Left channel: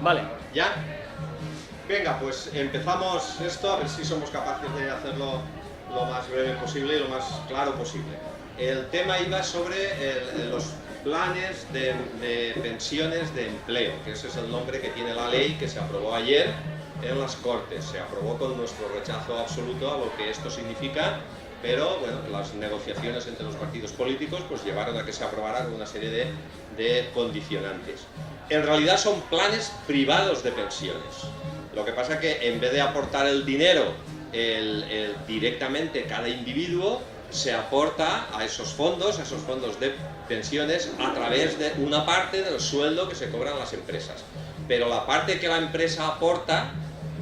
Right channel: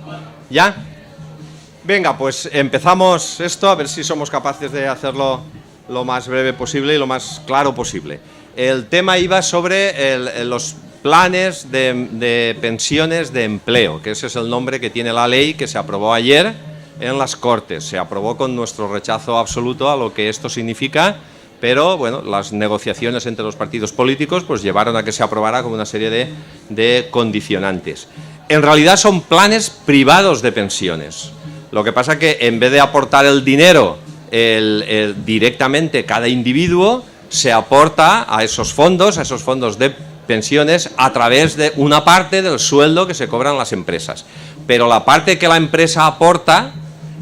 Vale. ¿Ya? Venga, pues empezamos esto, a ver si somos capaces de hacerlo lo más breve posible y lo más claro posible. El tema iba sobre los planes de pensiones de empleo, que ese es el nombre que tiene la ley que se aprobó ayer en las Cortes. Se aprobó con nuestro rechazo absoluto a lo que esto significa, pero bueno, las negociaciones entre los partidos políticos pues llevaron a que se aprobara con una serie de condicionantes. En realidad son planes privados de pensiones. Lo que pasa que en vez de aportar el dinero directamente cada individuo, se aporta a esos fondos de pensiones a través de una parte del sueldo que se cobran las empresas. Pero la parte que la empresa aporta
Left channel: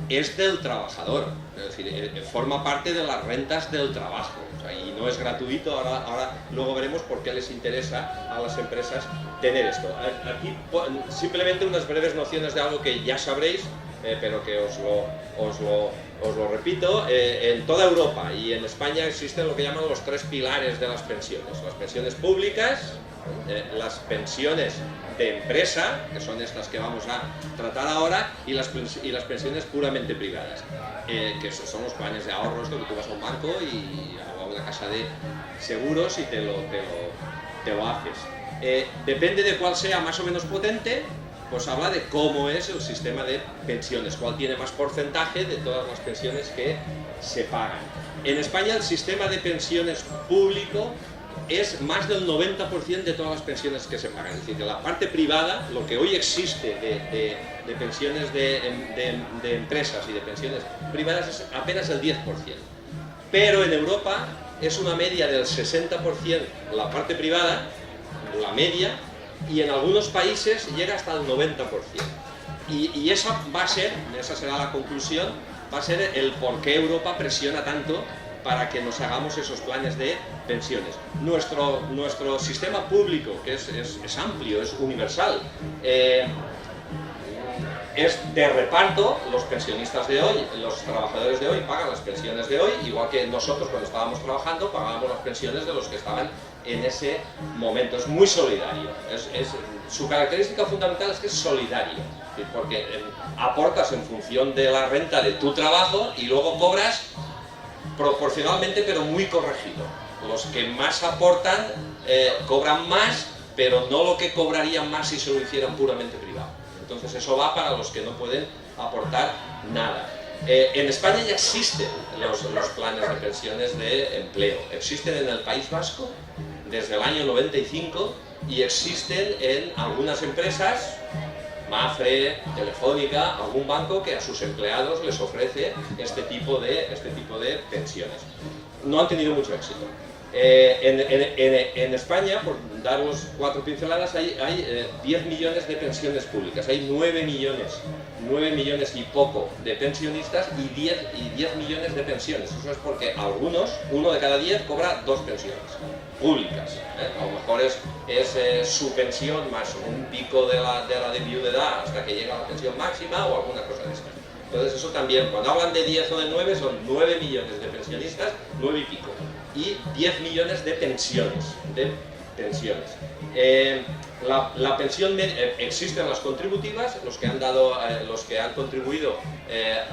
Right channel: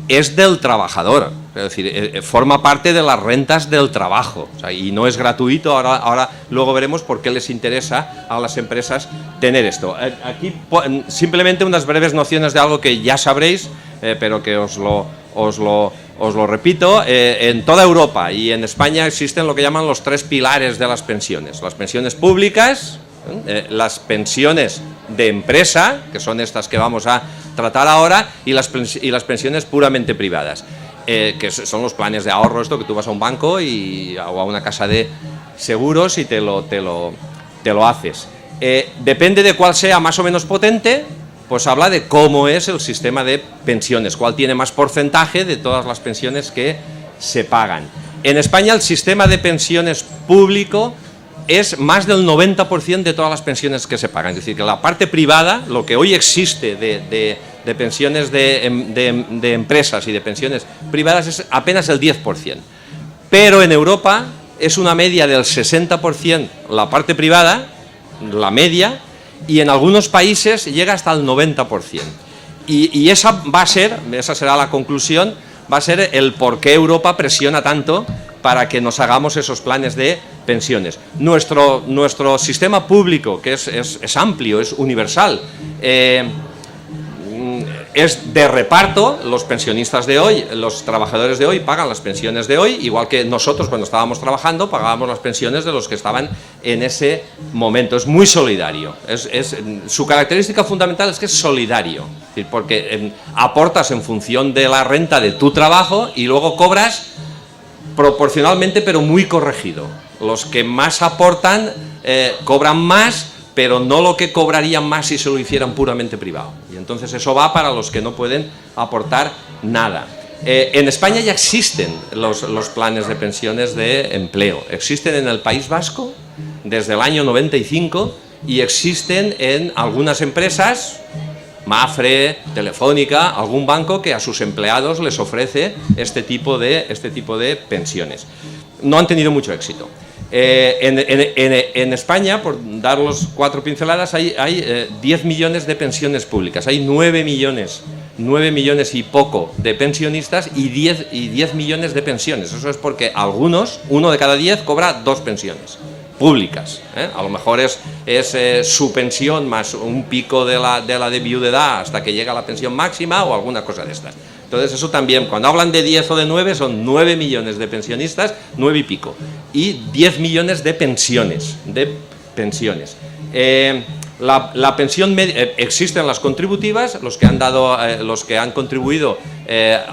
es del trabajador, es decir, forma parte de las rentas del trabajo, o sea, y no es gratuito. Ahora luego veremos por qué les interesa a las empresas tener esto. Aquí simplemente unas breves nociones de algo que ya sabréis, pero que os lo repito. En toda Europa y en España existen lo que llaman los tres pilares de las pensiones públicas, las pensiones de empresa, que son estas que vamos a tratar ahora, y las pensiones puramente privadas, que son los planes de ahorro, esto que tú vas a un banco o a una casa de seguros y te lo haces. Depende de cuál sea más o menos potente, pues habla de cómo es el sistema de pensiones, cuál tiene más porcentaje de todas las pensiones que se pagan. En España el sistema de pensiones público es más del 90% de todas las pensiones que se pagan. Es decir, que la parte privada, lo que hoy existe de pensiones de empresas y de pensiones privadas, es apenas el 10%. Pero en Europa es una media del 60% la parte privada, la media, y en algunos países llega hasta el 90%. Y esa será la conclusión, va a ser el por qué Europa presiona tanto para que nos hagamos esos planes de pensiones. Nuestro sistema público, que es amplio, es universal, es de reparto. Los pensionistas de hoy, los trabajadores de hoy pagan las pensiones de hoy, igual que nosotros cuando estábamos trabajando pagábamos las pensiones de los que estaban en ese momento. Es muy solidario. Su característica fundamental es que es solidario, es decir, porque aportas en función de la renta de tu trabajo y luego cobras proporcionalmente, pero muy corregido. Los que más aportan cobran más, pero no lo que cobrarían más si se lo hicieran puramente privado. Y entonces eso va para los que no pueden aportar nada. En España ya existen los planes de pensiones de empleo. Existen en el País Vasco desde el año 95 y existen en algunas empresas, Mapfre, Telefónica, algún banco que a sus empleados les ofrece este tipo de pensiones. No han tenido mucho éxito. En España, por dar los 4 pinceladas, hay 10 millones de pensiones públicas, hay 9 millones y poco de pensionistas y 10 millones de pensiones. Eso es porque uno de cada 10 cobra 2 pensiones públicas, A lo mejor es su pensión más un pico de la de viudedad hasta que llega a la pensión máxima o alguna cosa de estas. Entonces eso también, cuando hablan de 10 o de 9, son 9 millones de pensionistas, 9 y pico, y 10 millones de pensiones. La pensión media, existen las contributivas, los que han contribuido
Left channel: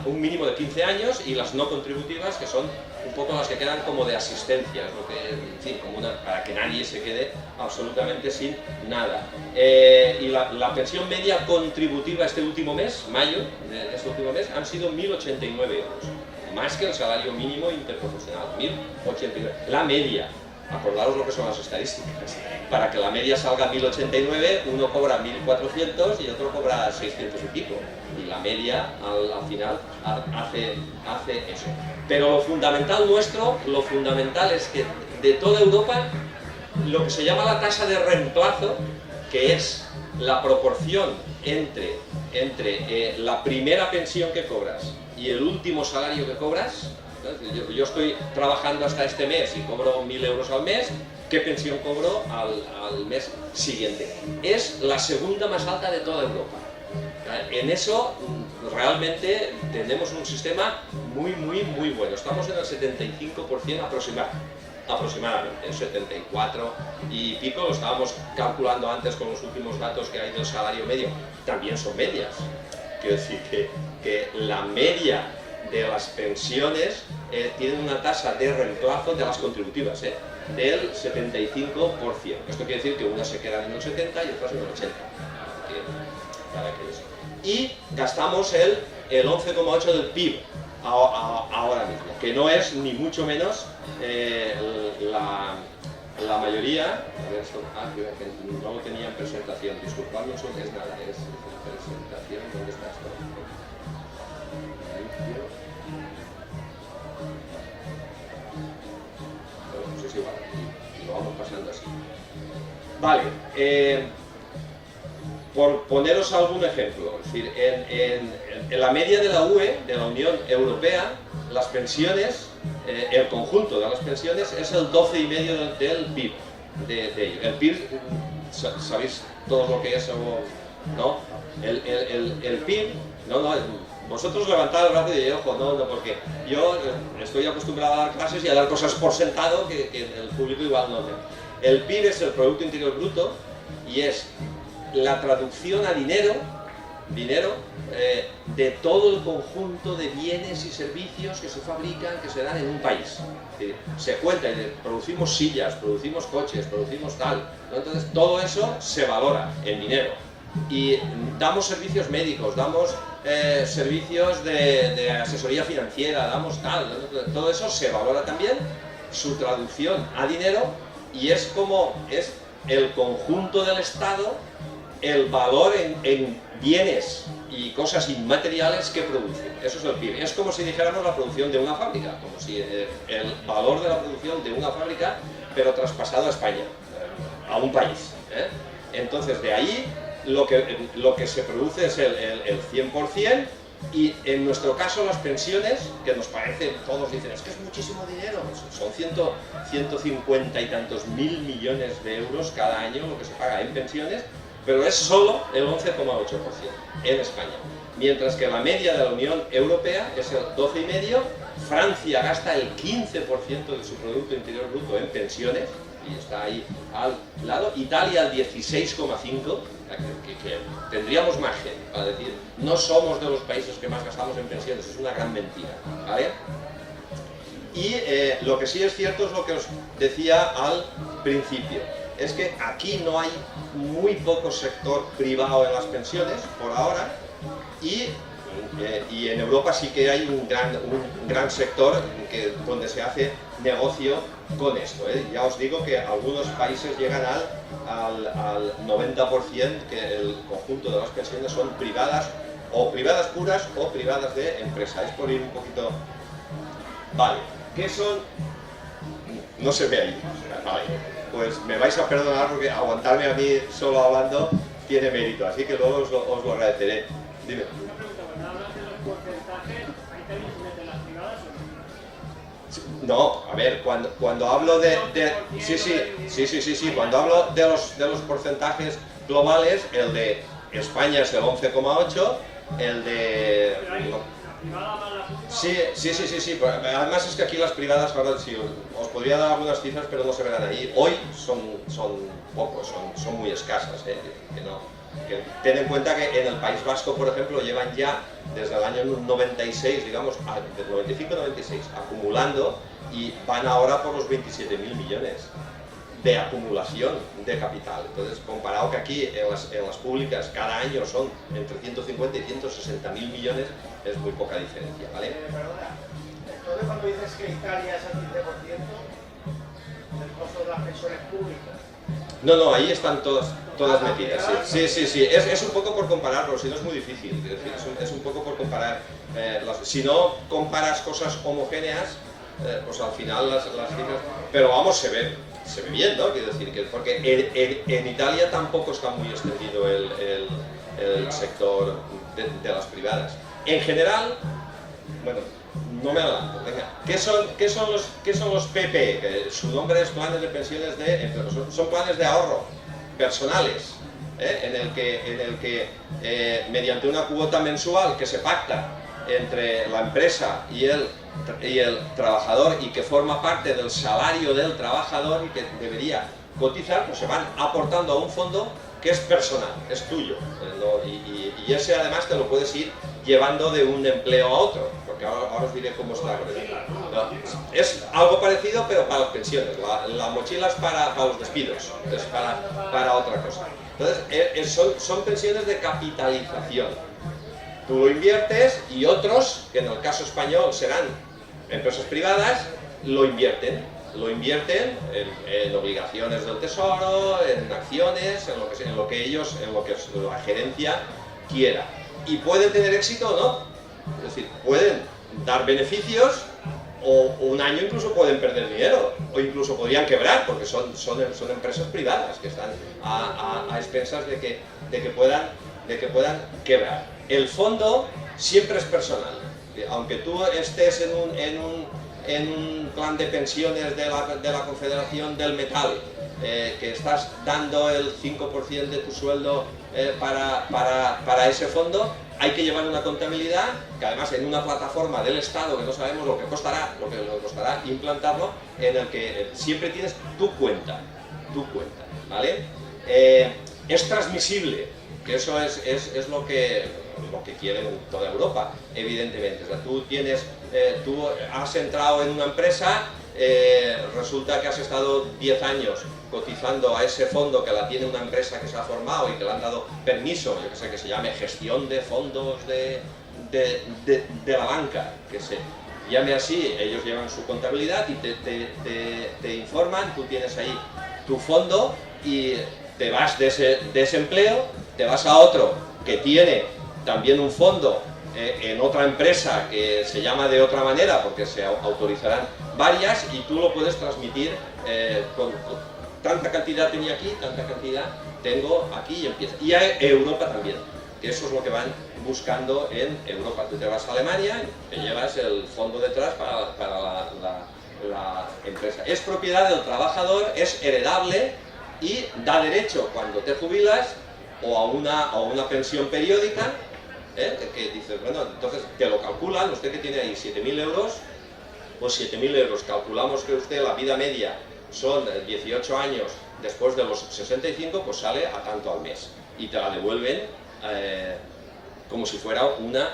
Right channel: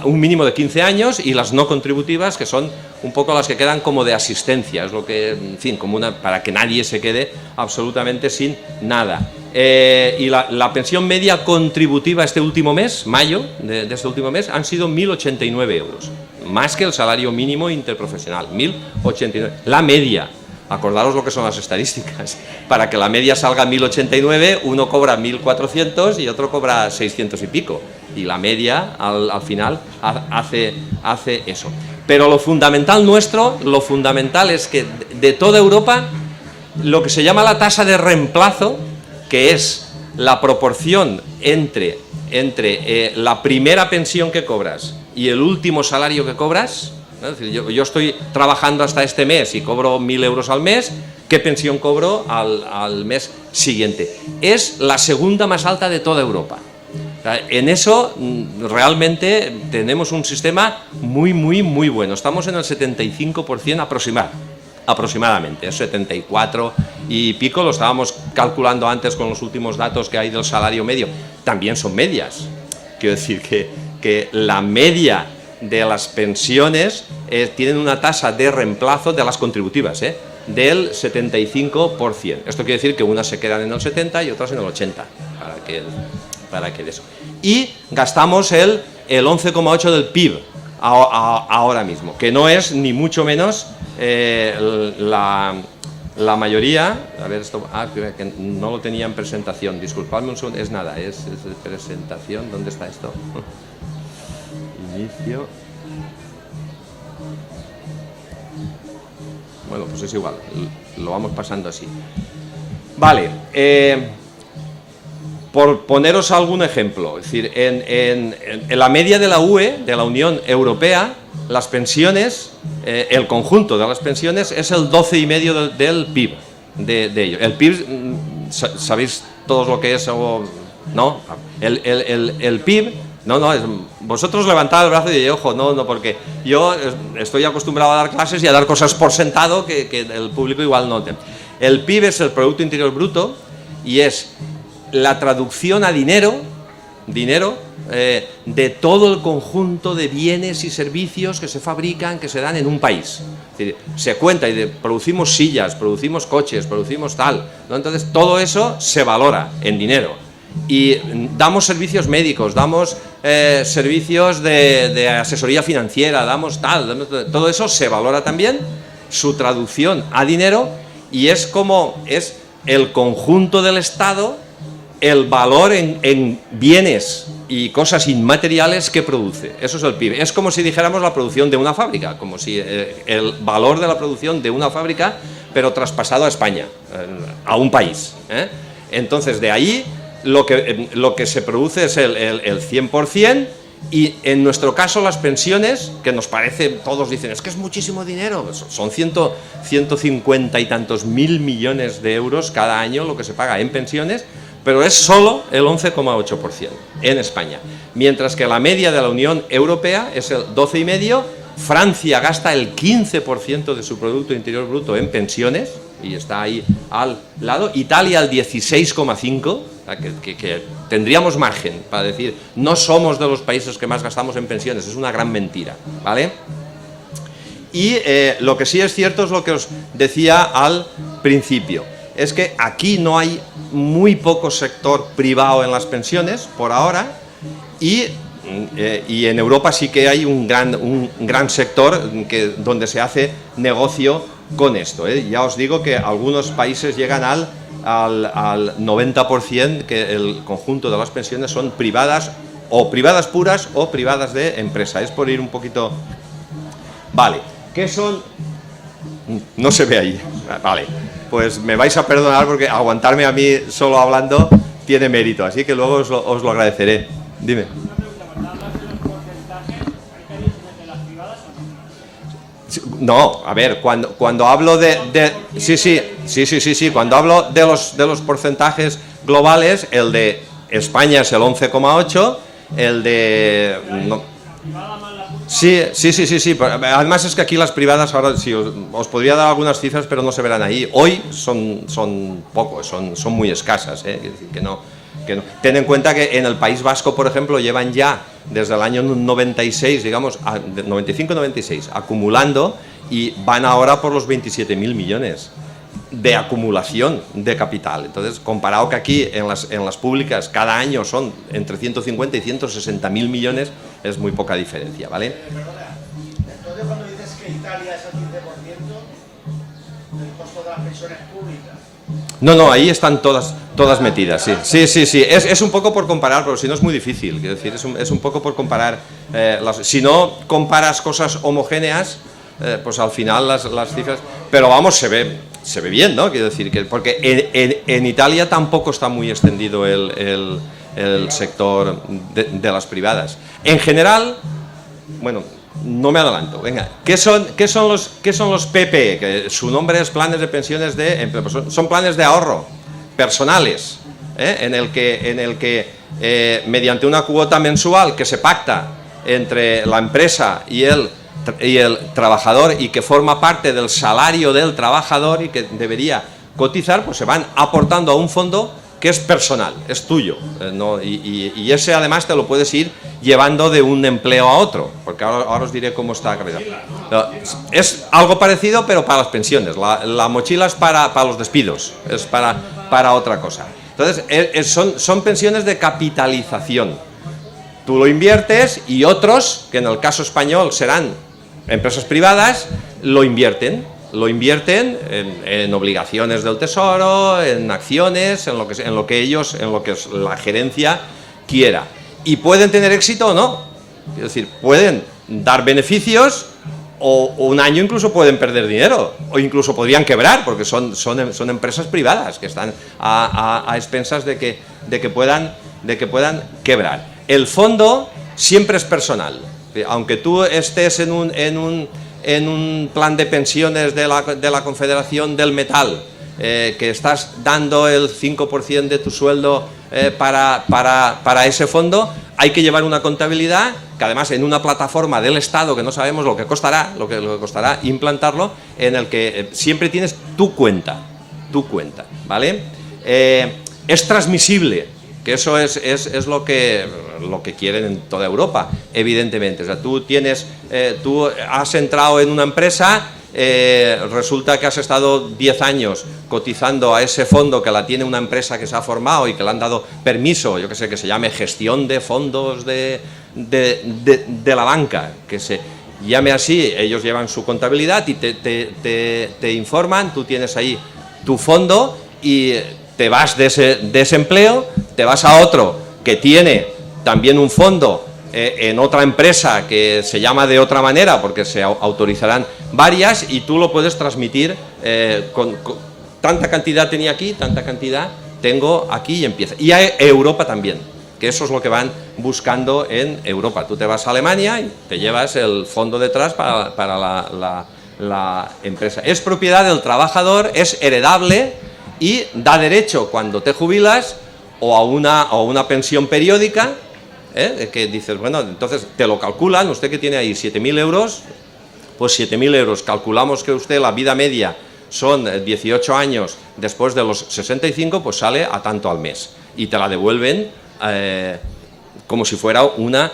un mínimo de 15 años, y las no contributivas, que son un poco las que quedan como de asistencia, es lo que, en fin, para que nadie se quede absolutamente sin nada. Y la pensión media contributiva este último mes, mayo de este último mes, han sido 1.089 euros, más que el salario mínimo interprofesional, 1.089, la media. Acordaros lo que son las estadísticas. Para que la media salga 1.089, uno cobra 1.400 y otro cobra 600 y pico. Y la media, al final, hace eso. Pero lo fundamental es que de toda Europa, lo que se llama la tasa de reemplazo, que es la proporción entre la primera pensión que cobras y el último salario que cobras. Es decir, yo estoy trabajando hasta este mes y cobro 1.000 euros al mes, ¿qué pensión cobro al mes siguiente? Es la segunda más alta de toda Europa. En eso realmente tenemos un sistema muy, muy, muy bueno. Estamos en el 75% aproximadamente, 74 y pico, lo estábamos calculando antes con los últimos datos que hay del salario medio. También son medias, Quiero decir que la media de las pensiones tienen una tasa de reemplazo de las contributivas, del 75%. Esto quiere decir que unas se quedan en el 70 y otras en el 80, para que eso. Y gastamos el 11,8 del PIB ahora mismo, que no es ni mucho menos la mayoría. A ver, esto, que no lo tenía en presentación, disculpadme un segundo, es nada, es presentación, ¿dónde está esto? Inicio. Bueno, pues es igual, lo vamos pasando así. Vale, por poneros algún ejemplo, es decir, en la media de la UE, de la Unión Europea, las pensiones, el conjunto de las pensiones es el 12,5% del PIB de ello. El PIB, ¿sabéis todos lo que es o no? El PIB, no, vosotros levantad el brazo y ojo, no, porque yo estoy acostumbrado a dar clases y a dar cosas por sentado que el público igual no. El PIB es el Producto Interior Bruto y es la traducción a dinero de todo el conjunto de bienes y servicios que se fabrican, que se dan en un país. Es decir, se cuenta y producimos sillas, producimos coches, producimos tal, ¿no? Entonces todo eso se valora en dinero. Y damos servicios médicos, damos servicios de asesoría financiera, damos tal, todo eso se valora también, su traducción a dinero, y es como es el conjunto del Estado, el valor en bienes y cosas inmateriales que produce. Eso es el PIB. Es como si dijéramos la producción de una fábrica, como si el valor de la producción de una fábrica, pero traspasado a España, a un país. Entonces, de ahí lo que se produce es el 100%, y en nuestro caso las pensiones, que nos parece, todos dicen, es que es muchísimo dinero, son 150 y tantos mil millones de euros cada año lo que se paga en pensiones, pero es solo el 11,8% en España, mientras que la media de la Unión Europea es el 12,5%. Francia gasta el 15% de su Producto Interior Bruto en pensiones, y está ahí al lado. Italia el 16,5%, que tendríamos margen para decir, no somos de los países que más gastamos en pensiones, es una gran mentira, ¿vale? Y lo que sí es cierto es lo que os decía al principio, es que aquí no hay muy poco sector privado en las pensiones, por ahora, y en Europa sí que hay un gran sector donde se hace negocio con esto. Ya os digo que algunos países llegan al 90%, que el conjunto de las pensiones son privadas, o privadas puras o privadas de empresa. Es por ir un poquito... Vale, ¿qué son? No se ve ahí. Vale, pues me vais a perdonar porque aguantarme a mí solo hablando tiene mérito, así que luego os lo agradeceré. Dime. No, a ver, cuando hablo sí, cuando hablo de los porcentajes globales, el de España es el 11,8, el de... No, sí, además es que aquí las privadas, ahora sí, os podría dar algunas cifras, pero no se verán ahí. Hoy son pocos, son muy escasas, que no. Ten en cuenta que en el País Vasco, por ejemplo, llevan ya desde el año 96, digamos, 95-96, acumulando, y van ahora por los 27.000 millones de acumulación de capital. Entonces, comparado que aquí en las públicas cada año son entre 150 y 160.000 millones, es muy poca diferencia, ¿vale? Entonces, cuando dices que Italia es el 15% del costo de las pensiones públicas. No, ahí están todas metidas, sí. Es un poco por comparar, pero si no es muy difícil. Quiero decir, es un poco por comparar. Si no comparas cosas homogéneas, pues al final las cifras... Pero vamos, se ve bien, ¿no? Quiero decir, porque en Italia tampoco está muy extendido el sector de las privadas. En general, bueno... No me adelanto, venga. ¿Qué son los PP? Que su nombre es planes de pensiones de empleo. Son planes de ahorro personales, en el que mediante una cuota mensual que se pacta entre la empresa y el trabajador, y que forma parte del salario del trabajador y que debería cotizar, pues se van aportando a un fondo que es personal, es tuyo, ¿no? Y ese además te lo puedes ir llevando de un empleo a otro, porque ahora os diré cómo está creado. No, es algo parecido, pero para las pensiones. La mochila es para los despidos, es para otra cosa. Entonces, son pensiones de capitalización. Tú lo inviertes y otros, que en el caso español serán empresas privadas, lo invierten en obligaciones del tesoro, en acciones, en lo que la gerencia quiera. Y pueden tener éxito o no. Es decir, pueden dar beneficios o un año incluso pueden perder dinero o incluso podrían quebrar porque son empresas privadas que están a expensas de que puedan quebrar. El fondo siempre es personal. Aunque tú estés en un plan de pensiones de la Confederación del Metal, que estás dando el 5% de tu sueldo para ese fondo, hay que llevar una contabilidad que además en una plataforma del Estado que no sabemos lo que costará implantarlo, en el que siempre tienes tu cuenta, ¿vale? Es transmisible, que eso es lo que quieren en toda Europa, evidentemente. O sea, tú has entrado en una empresa, resulta que has estado 10 años cotizando a ese fondo que la tiene una empresa que se ha formado y que le han dado permiso, yo que sé, que se llame gestión de fondos de la banca, que se llame así. Ellos llevan su contabilidad y te informan, tú tienes ahí tu fondo y te vas de ese empleo, te vas a otro que tiene también un fondo en otra empresa que se llama de otra manera porque se autorizarán varias y tú lo puedes transmitir con tanta cantidad tenía aquí, tanta cantidad tengo aquí y empieza. Y a Europa también, que eso es lo que van buscando en Europa. Tú te vas a Alemania y te llevas el fondo detrás para la empresa. Es propiedad del trabajador, es heredable y da derecho cuando te jubilas o a una pensión periódica, que dices, bueno, entonces te lo calculan, usted que tiene ahí 7.000 euros, pues 7.000 euros, calculamos que usted la vida media son 18 años después de los 65, pues sale a tanto al mes y te la devuelven como si fuera una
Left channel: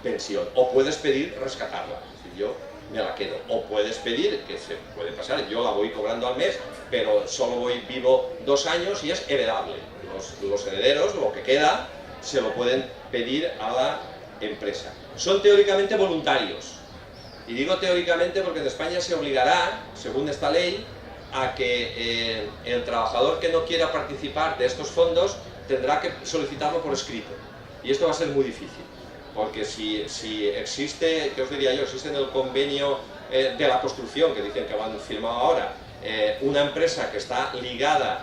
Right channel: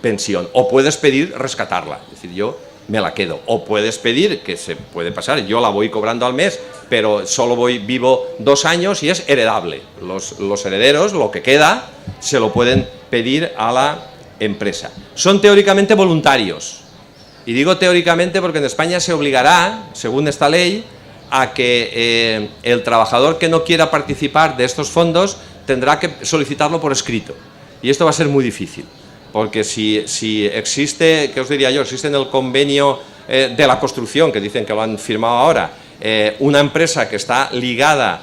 pensión. O puedes pedir rescatarla, es decir, yo me la quedo. O puedes pedir, que se puede pasar, yo la voy cobrando al mes, pero solo vivo 2 años y es heredable. Los herederos, lo que queda, se lo pueden pedir a la empresa. Son teóricamente voluntarios. Y digo teóricamente porque en España se obligará, según esta ley, a que el trabajador que no quiera participar de estos fondos tendrá que solicitarlo por escrito. Y esto va a ser muy difícil. Porque si existe, ¿qué os diría yo? Existe en el convenio de la construcción, que dicen que lo han firmado ahora, una empresa que está ligada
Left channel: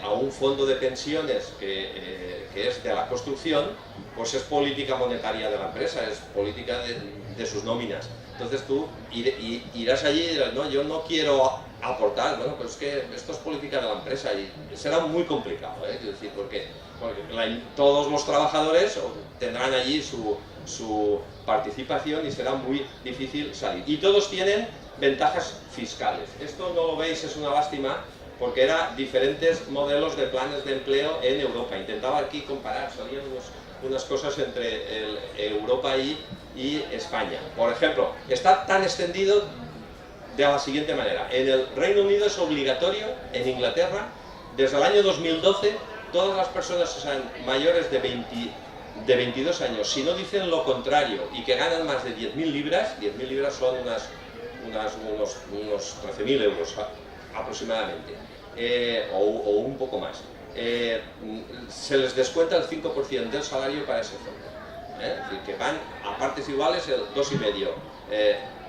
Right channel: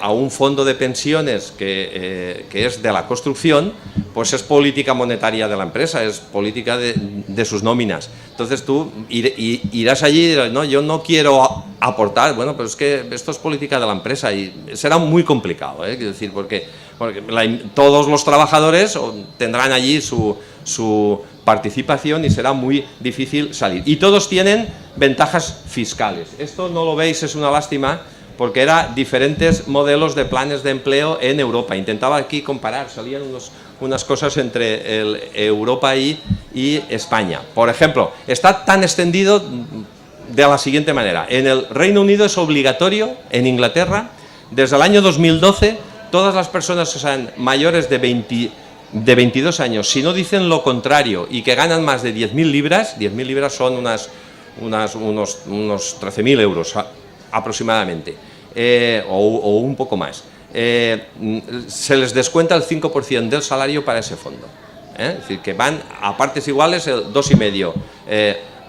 a un fondo de pensiones que es de la construcción, pues es política monetaria de la empresa, es política de sus nóminas. Entonces tú irás allí y dirás, no, yo no quiero aportar. Bueno, pero es que esto es política de la empresa y será muy complicado, es decir, porque todos los trabajadores tendrán allí su participación y será muy difícil salir. Y todos tienen ventajas fiscales. Esto no lo veis, es una lástima, porque eran diferentes modelos de planes de empleo en Europa. Intentaba aquí comparar, salían unas cosas entre Europa y España. Por ejemplo, está tan extendido de la siguiente manera. En el Reino Unido es obligatorio, en Inglaterra, desde el año 2012, todas las personas que sean mayores de 22 años, si no dicen lo contrario y que ganan más de 10.000 libras, 10.000 libras son unos 13.000 euros aproximadamente, o un poco más, se les descuenta el 5% del salario para ese fondo. Es decir, que van a partes iguales el 2,5%.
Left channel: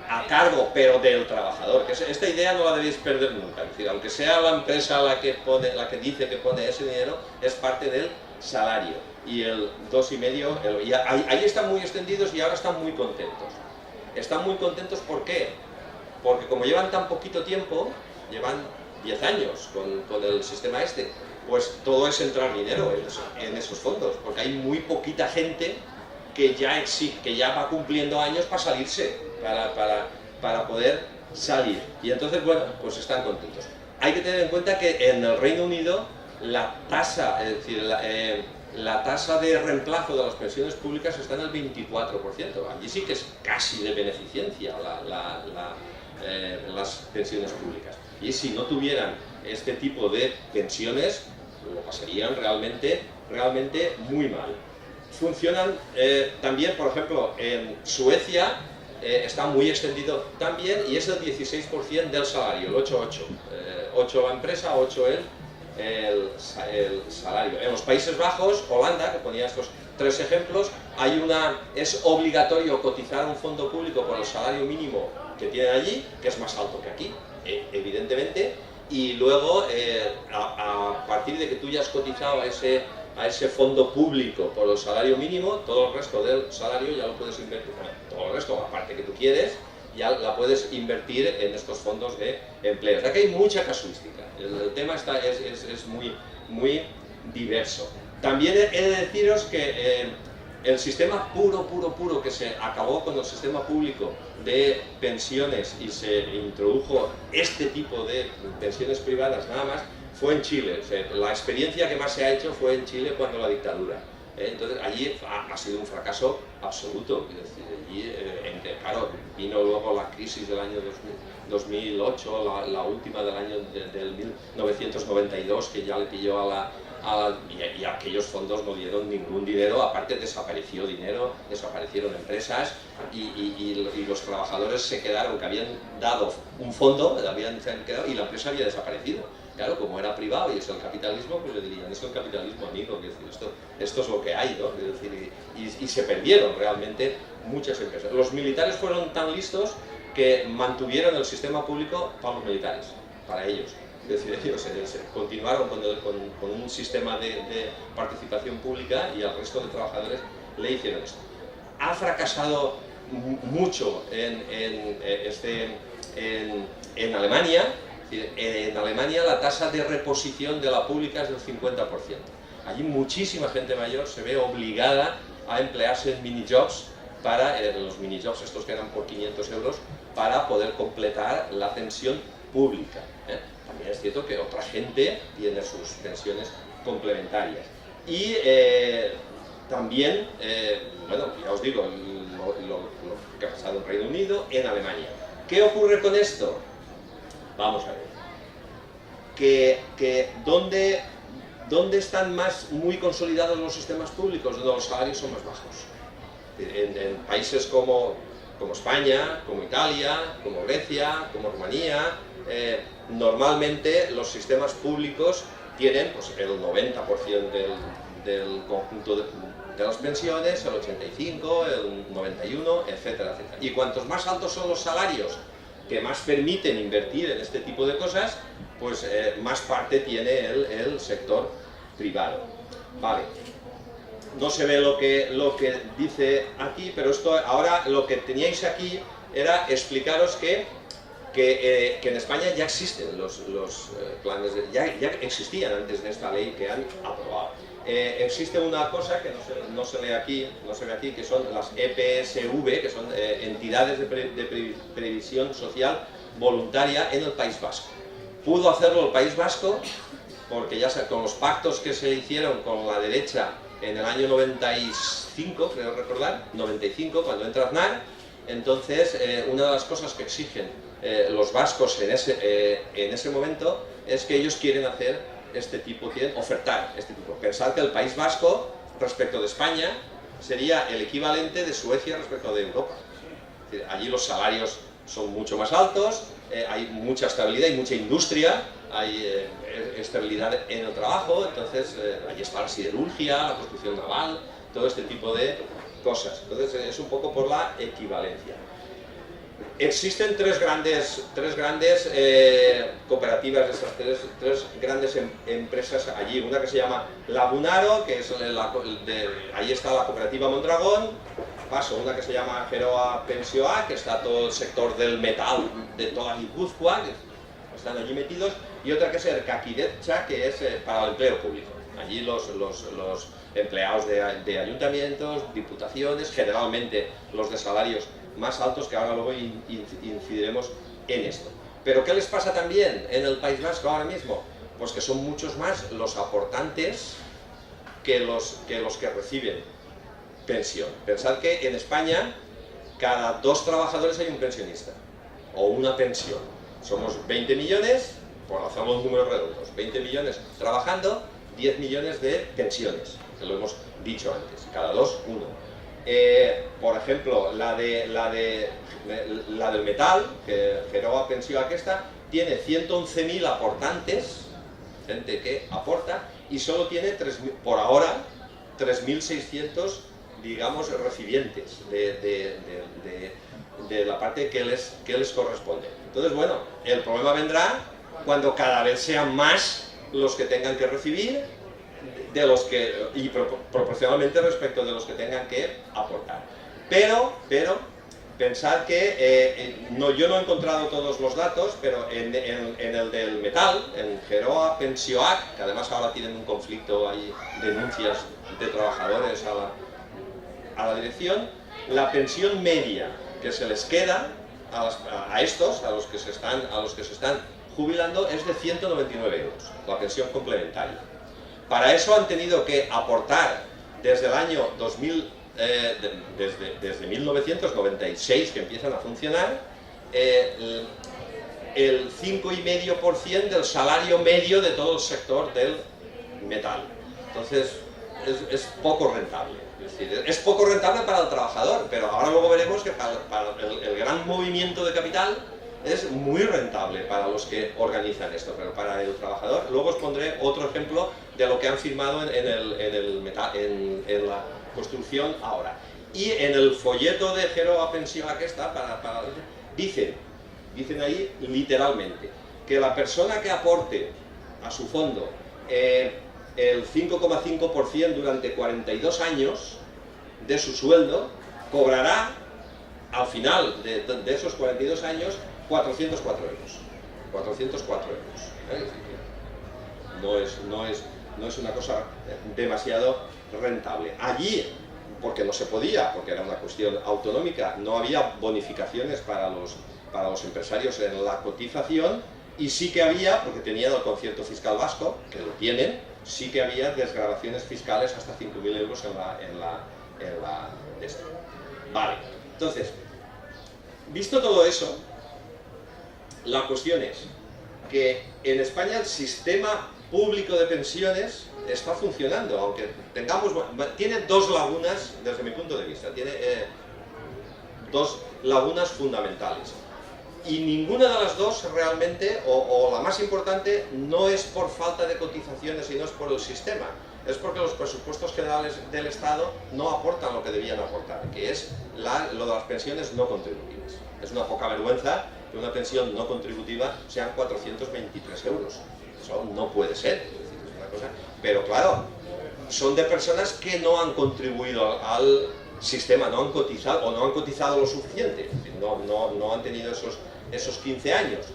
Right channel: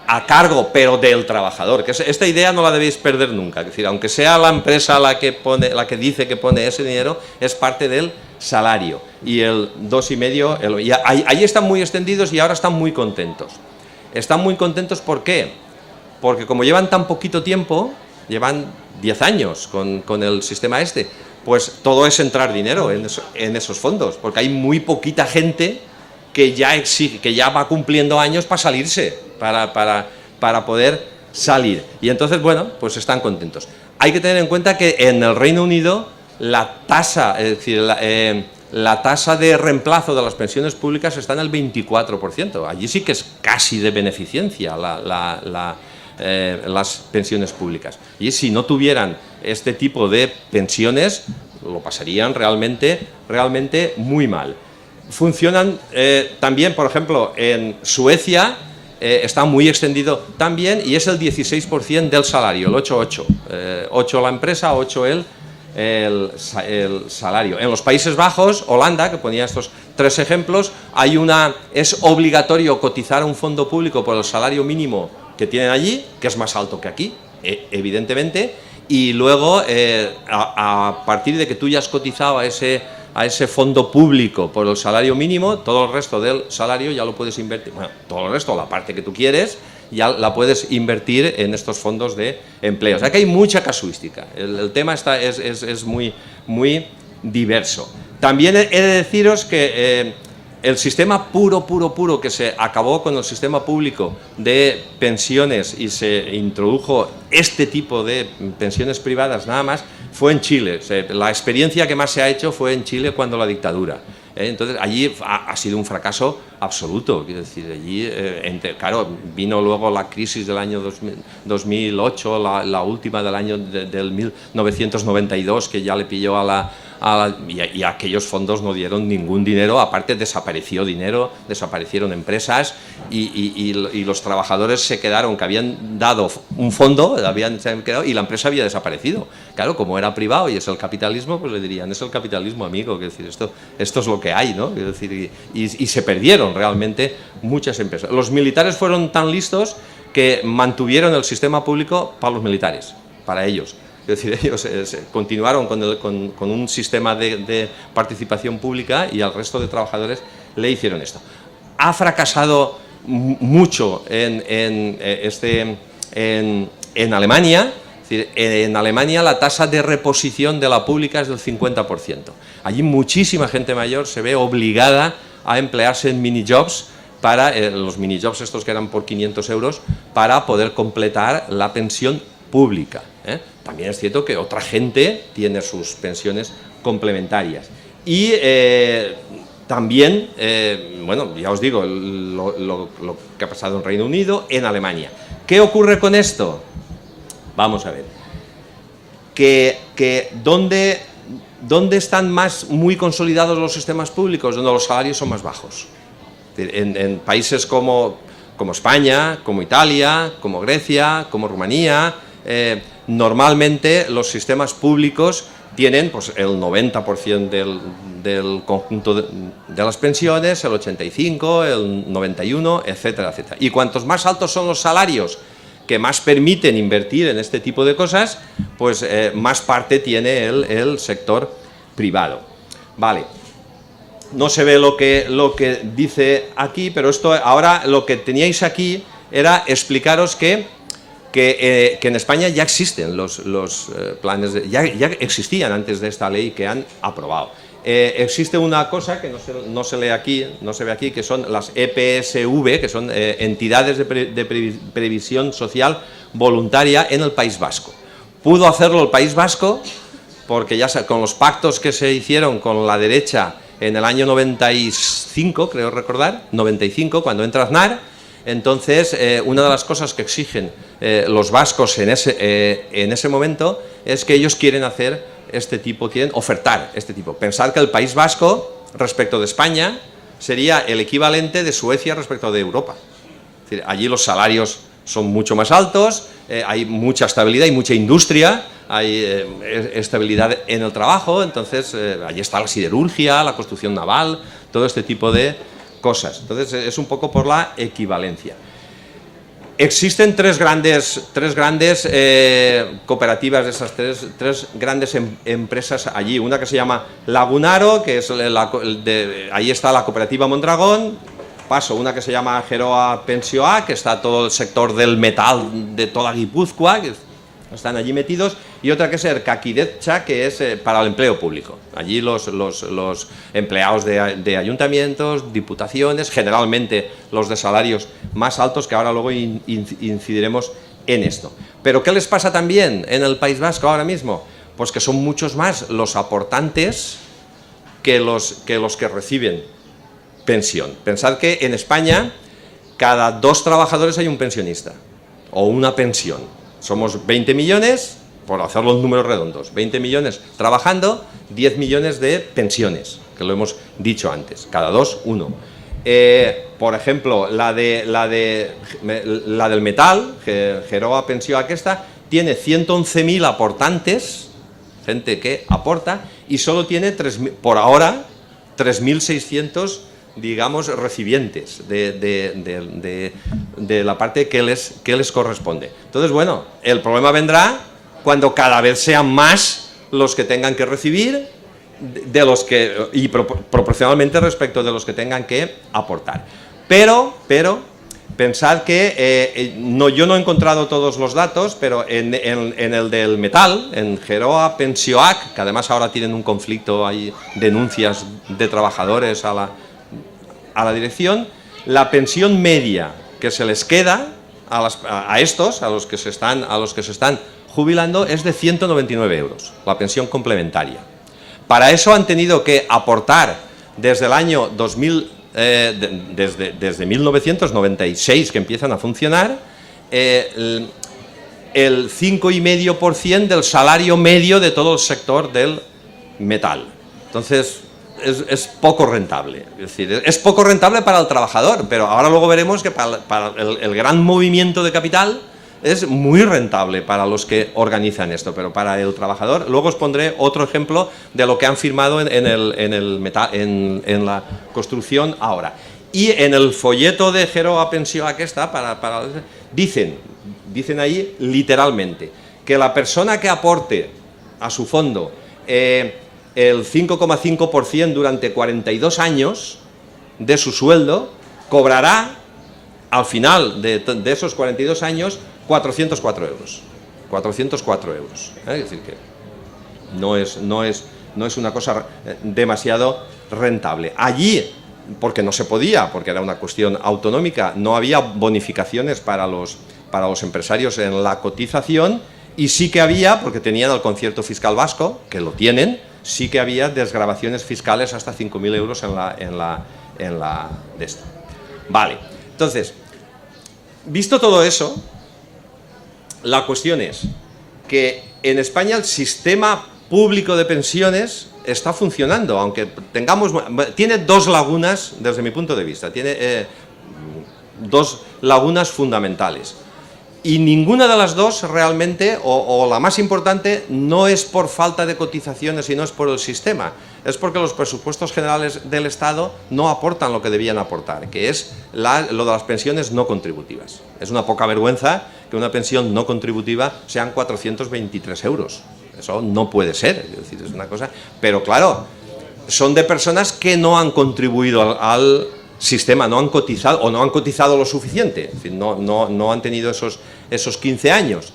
A cargo, pero del trabajador, que esta idea no la debéis perder nunca, es decir, aunque sea la empresa la que dice que pone ese dinero, es parte del salario, y el 2,5%, ahí están muy extendidos y ahora están muy contentos. Están muy contentos, ¿por qué? Porque como llevan tan poquito tiempo, llevan 10 años con el sistema pues todo es entrar dinero en esos fondos, porque hay muy poquita gente que ya va cumpliendo años para salirse, para poder salir. Y entonces, bueno, pues están contentos. Hay que tener en cuenta que en el Reino Unido la tasa, es decir, la tasa de reemplazo de las pensiones públicas está en el 24%. Allí sí que es casi de beneficencia las pensiones públicas. Y si no tuvieran este tipo de pensiones, lo pasarían realmente muy mal. Funcionan también, por ejemplo, en Suecia está muy extendido también y es el 16% del salario, el 8-8. 8 la empresa, 8 el salario. En los Países Bajos, Holanda, que ponía estos 3 ejemplos, es obligatorio cotizar a un fondo público por el salario mínimo que tienen allí, que es más alto que aquí, evidentemente, y luego a partir de que tú ya has cotizado a ese fondo público por el salario mínimo, todo el resto del salario ya lo puedes invertir, bueno, todo el resto, la parte que tú quieres, ya la puedes invertir en estos fondos de empleo. O sea que hay mucha casuística, el tema es muy diverso. También he de deciros que el sistema puro que se acabó con el sistema público de pensiones y se introdujo este tipo de pensiones privadas nada más, fue en Chile. La experiencia que más se ha hecho fue en Chile cuando la dictadura. Entonces allí ha sido un fracaso absoluto. Quiero decir, allí, claro, vino luego la crisis del año 2008, la última del año del 1992, que ya le pilló y aquellos fondos no dieron ningún dinero, aparte desapareció dinero, desaparecieron empresas y los trabajadores se quedaron, que habían dado un fondo, se han quedado y la empresa había desaparecido. Claro, como era privado y es el capitalismo, pues le dirían, es el capitalismo, amigo, que decir, esto es lo que hay, ¿no? Quiero decir, y se perdieron realmente muchas empresas. Los militares fueron tan listos que mantuvieron el sistema público para los militares, para ellos. Es decir, ellos continuaron con un sistema de participación pública y al resto de trabajadores le hicieron esto. Ha fracasado mucho en Alemania. Es decir, en Alemania la tasa de reposición de la pública es del 50%. Allí muchísima gente mayor se ve obligada a emplearse en minijobs, para los minijobs estos que eran por 500 euros, para poder completar la pensión pública. También es cierto que otra gente tiene sus pensiones complementarias. Y también, bueno, ya os digo, lo que ha pasado en Reino Unido, en Alemania. ¿Qué ocurre con esto? Vamos a ver. ¿Dónde están muy consolidados los sistemas públicos? Donde los salarios son más bajos. En países como España, como Italia, como Grecia, como Rumanía, normalmente los sistemas públicos tienen pues, el 90% del conjunto de las pensiones, el 85%, el 91%, etcétera, etcétera. Y cuantos más altos son los salarios que más permiten invertir en este tipo de cosas, pues más parte tiene el sector privado. Vale. No se ve lo que dice aquí, pero esto ahora lo que teníais aquí era explicaros que en España ya existen los planes, ya existían antes de esta ley que han aprobado. Existe una cosa que no se lee aquí, no se ve aquí, que son las EPSV, que son entidades de previsión social voluntaria en el País Vasco. Pudo hacerlo el País Vasco porque ya con los pactos que se hicieron con la derecha en el año 95, creo recordar, 95, cuando entra Aznar. Entonces, una de las cosas que exigen los vascos en ese momento es que ellos quieren quieren ofertar este tipo. Pensad que el País Vasco, respecto de España, sería el equivalente de Suecia respecto de Europa. Es decir, allí los salarios son mucho más altos, hay mucha estabilidad, hay mucha industria, hay estabilidad en el trabajo, entonces allí está la siderurgia, la construcción naval, todo este tipo de cosas. Entonces es un poco por la equivalencia. Existen tres grandes cooperativas de esas tres grandes empresas allí. Una que se llama Lagunaro, que es ahí está la cooperativa Mondragón. Paso una que se llama Geroa Pensioa, que está todo el sector del metal de toda Guipúzcoa, que están allí metidos, y otra que es Erkakidetza, que es para el empleo público. Allí los empleados de ayuntamientos, diputaciones, generalmente los de salarios más altos, que ahora luego incidiremos en esto. Pero ¿qué les pasa también en el País Vasco ahora mismo? Pues que son muchos más los aportantes que los que reciben pensión. Pensad que en España cada 2 trabajadores hay un pensionista o una pensión. Somos 20 millones, por hacer los números redondos, 20 millones trabajando, 10 millones de pensiones, que lo hemos dicho antes, cada 2, 1. Por ejemplo, la del metal, Geroa Pensió aquesta, tiene 111.000 aportantes, gente que aporta, y solo tiene por ahora 3.600, digamos, recipientes de la parte que les corresponde. Entonces, bueno, el problema vendrá cuando cada vez sean más los que tengan que recibir y proporcionalmente respecto de los que tengan que aportar. Pero pensad que yo no he encontrado todos los datos, pero en el del metal, en Geroa Pensioak, que además ahora tienen un conflicto, hay denuncias de trabajadores a la dirección, la pensión media que se les queda a los que se están jubilando es de 199 euros, la pensión complementaria. Para eso han tenido que aportar desde el año 2000, desde 1996 que empiezan a funcionar, el 5,5% del salario medio de todo el sector del metal. Entonces es poco rentable, es decir, es poco rentable para el trabajador, pero ahora luego veremos que para el gran movimiento de capital es muy rentable para los que organizan esto, pero para el trabajador, luego os pondré otro ejemplo de lo que han firmado en la construcción ahora. Y en el folleto de Geroa Pensió aquesta, dicen ahí literalmente que la persona que aporte a su fondo el 5,5% durante 42 años de su sueldo, cobrará al final de esos 42 años 404 euros. 404 euros. Es decir, que no es una cosa demasiado rentable. Allí, porque no se podía, porque era una cuestión autonómica, no había bonificaciones para los empresarios en la cotización, y sí que había, porque tenían el concierto fiscal vasco, que lo tienen, sí que había desgravaciones fiscales hasta 5.000 euros en la de esto. Vale, entonces, visto todo eso, la cuestión es que en España el sistema público de pensiones está funcionando, aunque tiene 2 lagunas desde mi punto de vista, tiene 2 lagunas fundamentales. Y ninguna de las 2 realmente, o la más importante, no es por falta de cotizaciones, sino es por el sistema. Es porque los presupuestos generales del Estado no aportan lo que debían aportar, que es lo de las pensiones no contributivas. Es una poca vergüenza que una pensión no contributiva sean 423 euros. Eso no puede ser, es decir, es una cosa... Pero claro, son de personas que no han contribuido al sistema, no han cotizado o no han cotizado lo suficiente, es decir, no han tenido esos 15 años.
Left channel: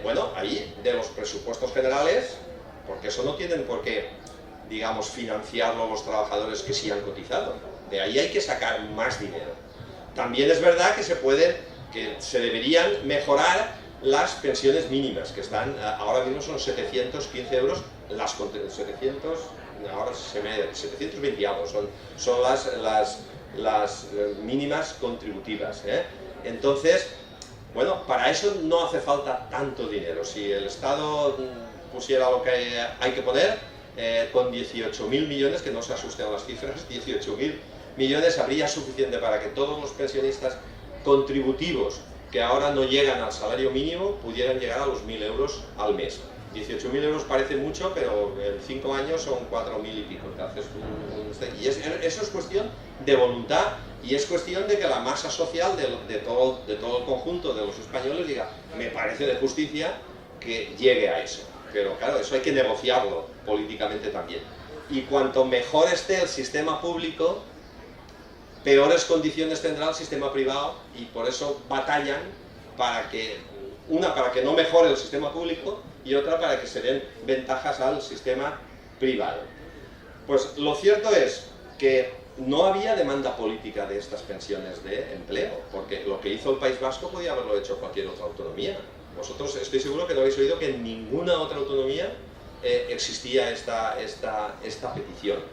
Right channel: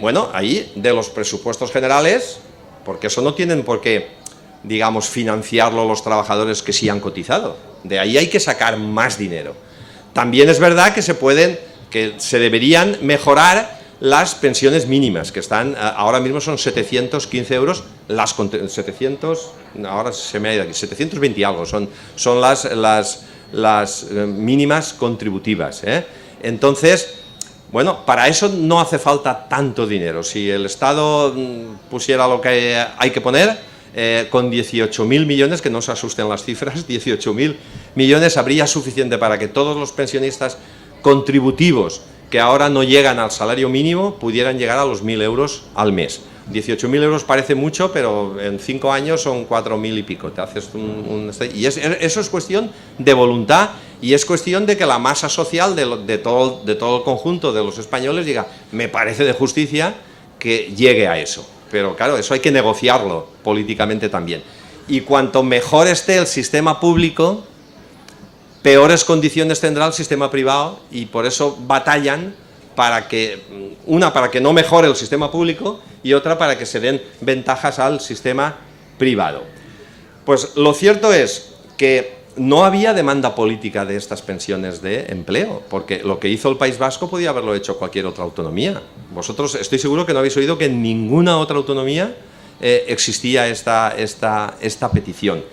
Bueno, ahí de los presupuestos generales, porque eso no tienen por qué, digamos, financiarlo los trabajadores que sí han cotizado. De ahí hay que sacar más dinero. También es verdad que se deberían mejorar las pensiones mínimas, que están, ahora mismo son 715 euros, 720 y algo, son las mínimas contributivas, ¿eh? Entonces, bueno, para eso no hace falta tanto dinero. Si el Estado pusiera lo que hay que poner, con 18.000 millones, que no se asusten las cifras, 18.000 millones habría suficiente para que todos los pensionistas contributivos que ahora no llegan al salario mínimo pudieran llegar a los 1.000 euros al mes. 18.000 euros parece mucho, pero en 5 años son 4.000 y pico. Te haces y eso es cuestión de voluntad, y es cuestión de que la masa social de todo el conjunto de los españoles diga, me parece de justicia que llegue a eso. Pero claro, eso hay que negociarlo políticamente también. Y cuanto mejor esté el sistema público, peores condiciones tendrá el sistema privado, y por eso batallan para que no mejore el sistema público, y otra para que se den ventajas al sistema privado. Pues lo cierto es que no había demanda política de estas pensiones de empleo, porque lo que hizo el País Vasco podía haberlo hecho cualquier otra autonomía. Vosotros estoy seguro que no habéis oído que en ninguna otra autonomía existía esta petición.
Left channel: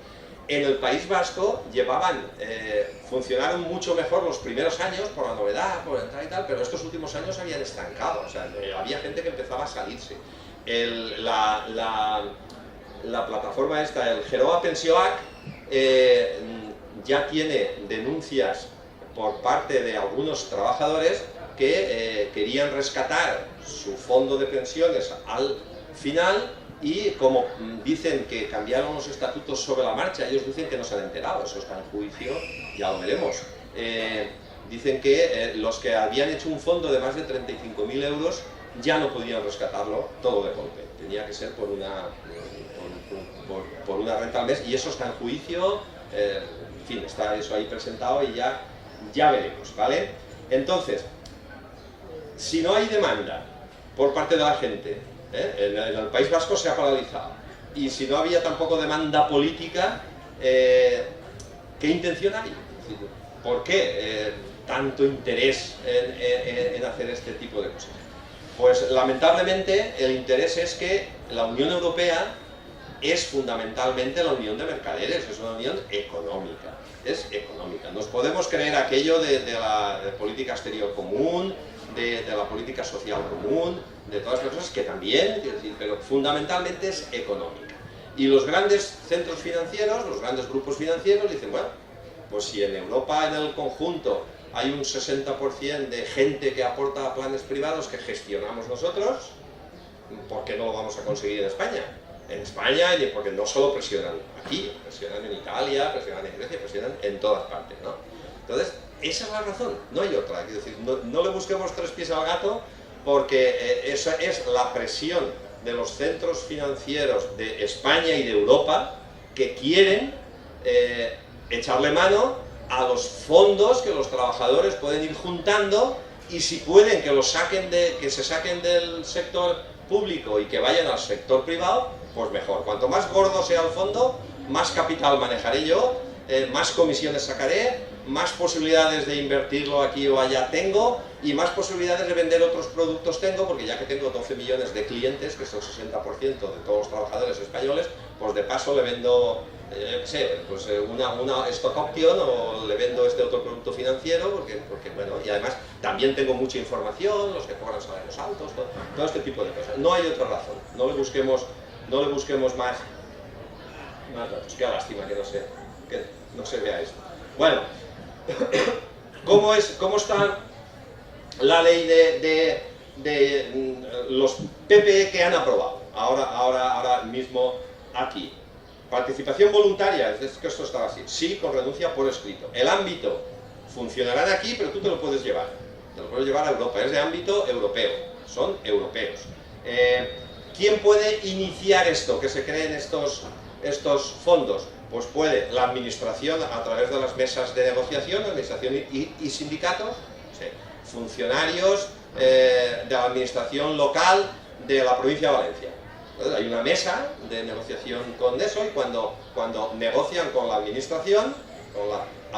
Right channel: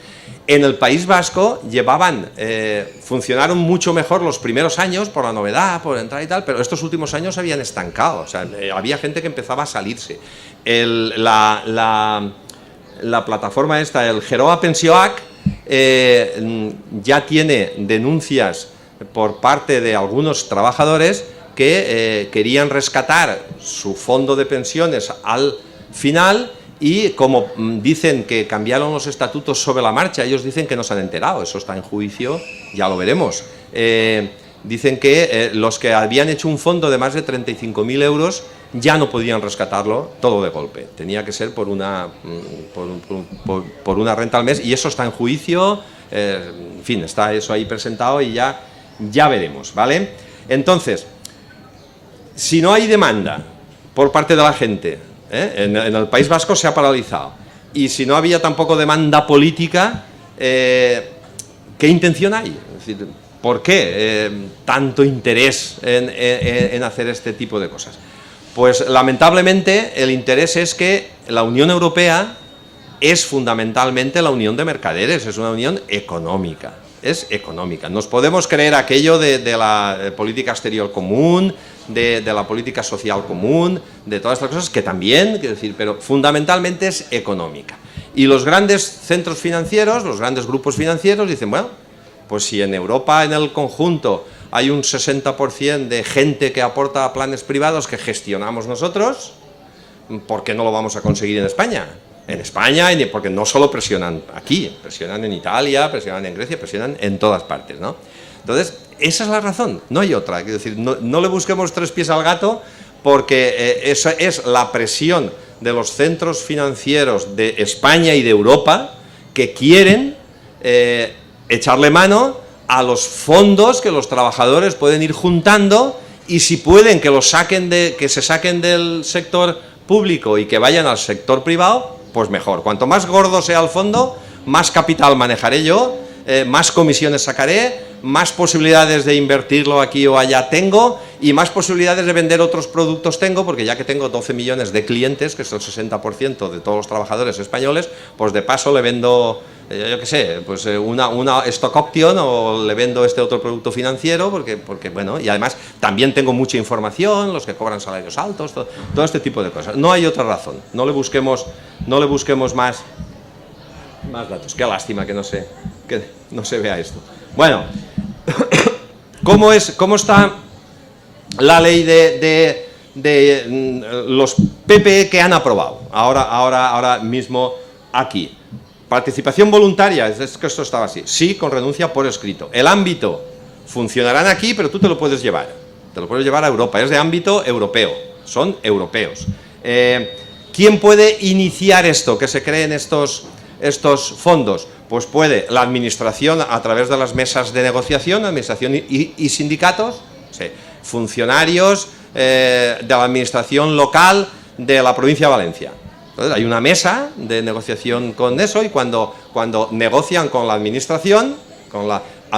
En el País Vasco funcionaron mucho mejor los primeros años por la novedad, por entrar y tal, pero estos últimos años habían estancado, o sea, había gente que empezaba a salirse. La plataforma esta, el Geroa Pensioac, ya tiene denuncias por parte de algunos trabajadores que querían rescatar su fondo de pensiones al final. Y como dicen que cambiaron los estatutos sobre la marcha, ellos dicen que no se han enterado, eso está en juicio, ya lo veremos. Dicen que los que habían hecho un fondo de más de 35.000 euros ya no podían rescatarlo todo de golpe, tenía que ser por una renta al mes, y eso está en juicio, en fin, está eso ahí presentado y ya veremos, ¿vale? Entonces, si no hay demanda por parte de la gente, en el País Vasco se ha paralizado, y si no había tampoco demanda política, ¿qué intención hay? Es decir, ¿por qué tanto interés en hacer este tipo de cosas? Pues lamentablemente el interés es que la Unión Europea es fundamentalmente la unión de mercaderes, es una unión económica, es económica. Nos podemos creer aquello de la política exterior común, de la política social común, de todas estas cosas que también, quiero decir, pero fundamentalmente es económica. Y los grandes centros financieros, los grandes grupos financieros dicen, bueno, pues si en Europa en el conjunto hay un 60% de gente que aporta a planes privados que gestionamos nosotros, ¿por qué no lo vamos a conseguir en España? En España, porque no solo presionan aquí, presionan en Italia, presionan en Grecia, presionan en todas partes, ¿no? Entonces, esa es la razón, no hay otra. Quiero decir, no le busquemos tres pies al gato, porque esa es la presión de los centros financieros de España y de Europa que quieren echarle mano a los fondos que los trabajadores pueden ir juntando, y si pueden que se saquen del sector público y que vayan al sector privado, pues mejor. Cuanto más gordo sea el fondo, más capital manejaré yo, más comisiones sacaré, más posibilidades de invertirlo aquí o allá tengo, y más posibilidades de vender otros productos tengo, porque ya que tengo 12 millones de clientes, que es el 60% de todos los trabajadores españoles, pues de paso le vendo, yo qué sé, pues una stock option, o le vendo este otro producto financiero, porque bueno, y además también tengo mucha información, los que cobran salarios altos, todo este tipo de cosas. No hay otra razón, no le busquemos más datos. Qué lástima que no se vea esto. Bueno, ¿cómo está la ley de los PPE que han aprobado ahora mismo aquí? Participación voluntaria, es que esto estaba así, sí, con renuncia por escrito. El ámbito, funcionarán aquí, pero tú te lo puedes llevar a Europa, es de ámbito europeo, son europeos. ¿Quién puede iniciar esto, que se creen estos fondos? Pues puede la administración a través de las mesas de negociación, administración y sindicatos, sí, funcionarios de la administración local de la provincia de Valencia. Entonces hay una mesa de negociación con eso, y cuando negocian con la administración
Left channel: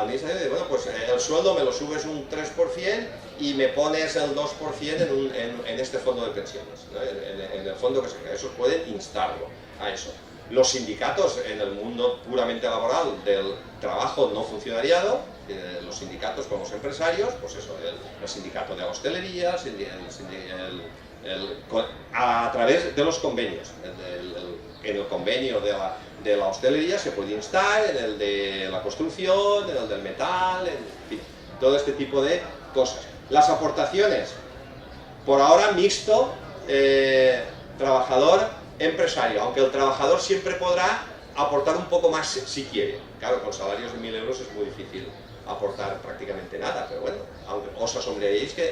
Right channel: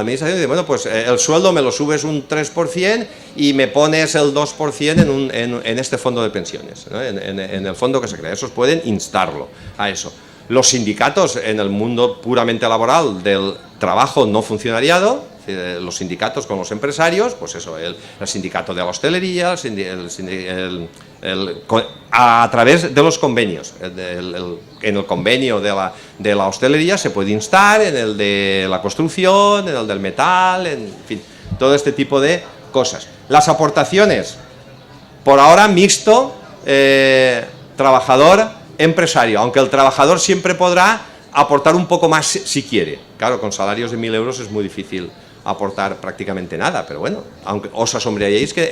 dice, bueno, pues el sueldo me lo subes un 3% y me pones el 2% en este fondo de pensiones, ¿no? en el fondo que se crea. Esos pueden instarlo a eso. Los sindicatos en el mundo puramente laboral del trabajo no funcionariado, los sindicatos con los empresarios, pues eso, el sindicato de la hostelería, a través de los convenios. En el convenio de la hostelería se puede instar, en el de la construcción, en el del metal, en fin, todo este tipo de cosas. Las aportaciones, por ahora mixto, trabajador-empresario, aunque el trabajador siempre podrá aportar un poco más si quiere. Claro, con salarios de 1.000 euros es muy difícil aportar prácticamente nada, pero bueno, aunque os asombraríais que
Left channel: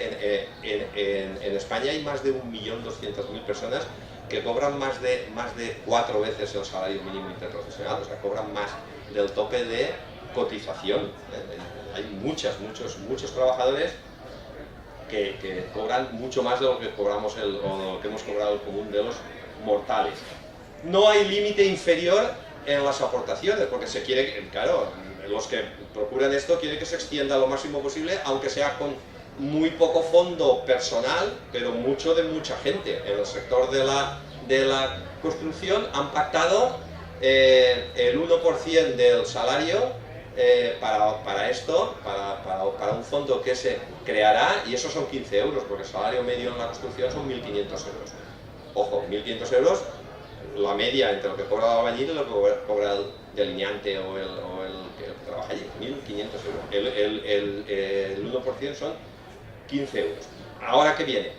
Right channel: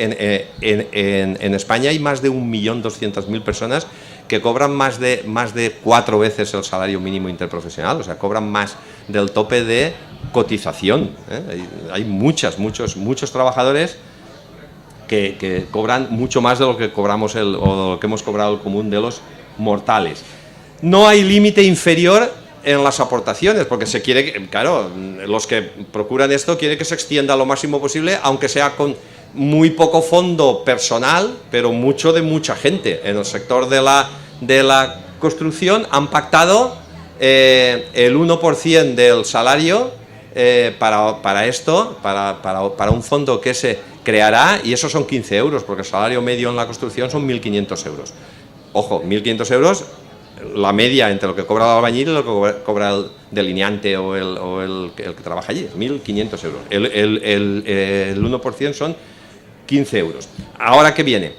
en España hay más de 1.200.000 personas que cobran más de 4 veces el salario mínimo interprofesional, o sea, cobran más del tope de cotización, ¿eh? Hay muchos trabajadores que cobran mucho más de lo que cobramos o de lo que hemos cobrado el común de los mortales. No hay límite inferior en las aportaciones, porque se quiere, claro, los que procuran esto quieren que se extienda lo máximo posible, aunque sea con muy poco fondo personal, pero mucho de mucha gente. En el sector de la construcción han pactado el 1% del salario para esto, para un fondo que se creará, y eso son 15 euros, porque el salario medio en la construcción son 1.500 euros. Ojo, 1.500 euros, la media entre lo que cobra el albañil y lo que cobra el delineante o el que trabaja allí, 1.500 euros. El 1% son 15 euros. Ahora que viene,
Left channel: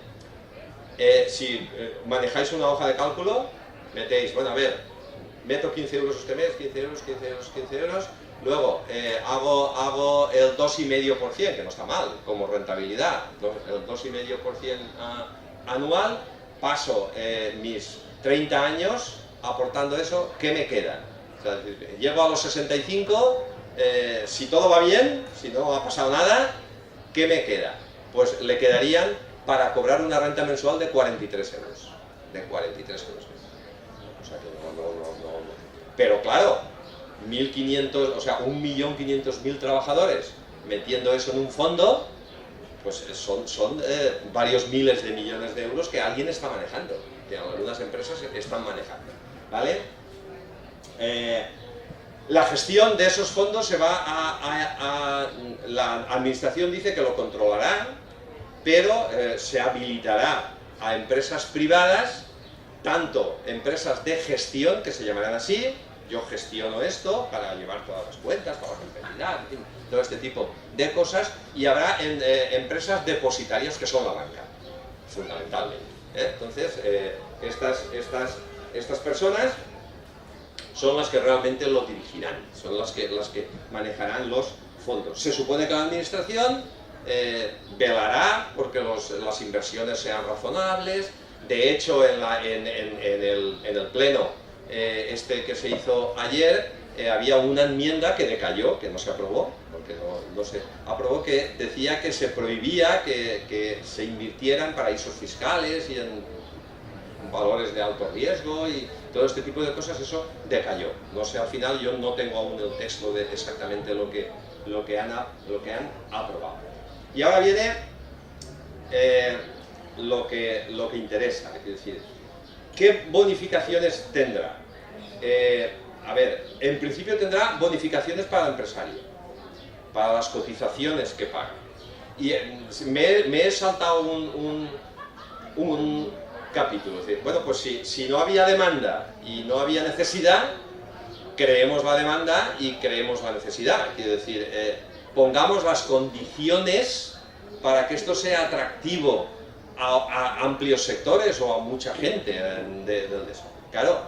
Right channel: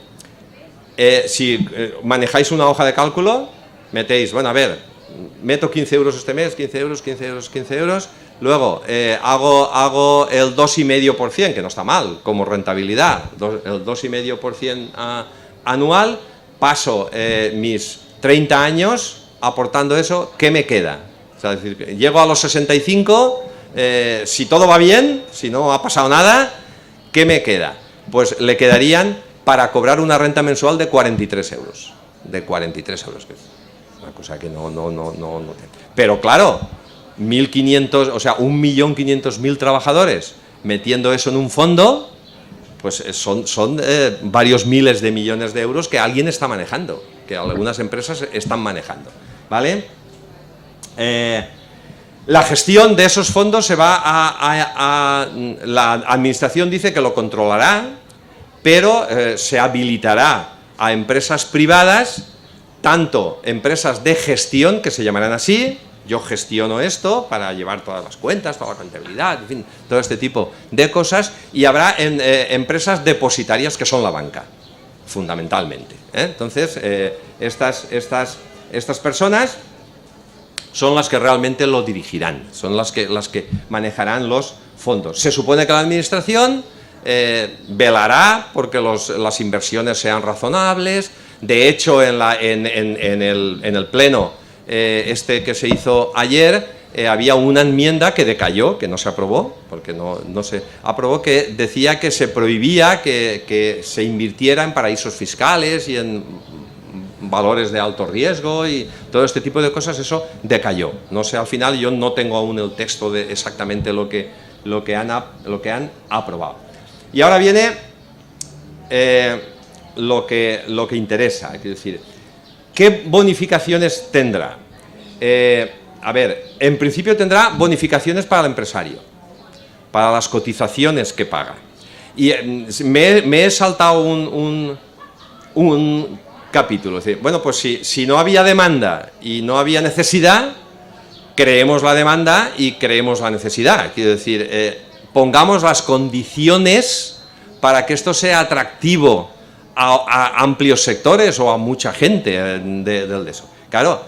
si manejáis una hoja de cálculo, metéis, bueno, a ver, meto 15 euros este mes, 15 euros, 15 euros, 15 euros, luego hago el 2,5%, que no está mal, como rentabilidad, el 2,5% anual, paso mis 30 años aportando eso, ¿qué me queda? O sea, es decir, llego a los 65, si todo va bien, si no ha pasado nada, ¿qué me queda? Pues le quedarían para cobrar una renta mensual de 43 euros. De 43 euros, que es una cosa que no. Pero claro, 1.500, o sea, 1.500.000 trabajadores metiendo eso en un fondo, pues son varios miles de millones de euros que alguien está manejando, que algunas empresas están manejando, ¿vale? La gestión de esos fondos se va la administración dice que lo controlará, pero se habilitará a empresas privadas, tanto empresas de gestión, que se llamarán así, yo gestiono esto para llevar todas las cuentas, toda la contabilidad, en fin, todo este tipo de cosas, y habrá empresas depositarias que son la banca, fundamentalmente, ¿eh? Entonces, estas personas son las que realmente lo dirigirán, son las que manejarán los fondos. Se supone que la administración velará porque las inversiones sean razonables. De hecho, en el pleno que se hizo ayer, había una enmienda que decayó, que no se aprobó, porque no se aprobó, que decía que se prohibía que se invirtiera en paraísos fiscales y en valores de alto riesgo y todo este tipo de cosas. Eso decayó. No sé, al final yo no tengo aún el texto de exactamente lo que han aprobado. Y ahora viene lo que interesa, es decir, ¿qué bonificaciones tendrá? A ver, en principio tendrá bonificaciones para el empresario, para las cotizaciones que paga. Y me he saltado un capítulo. Es decir, bueno, pues si no había demanda y no había necesidad, creemos la demanda y creemos la necesidad. Quiero decir, pongamos las condiciones para que esto sea atractivo a amplios sectores o a mucha gente de eso. Claro,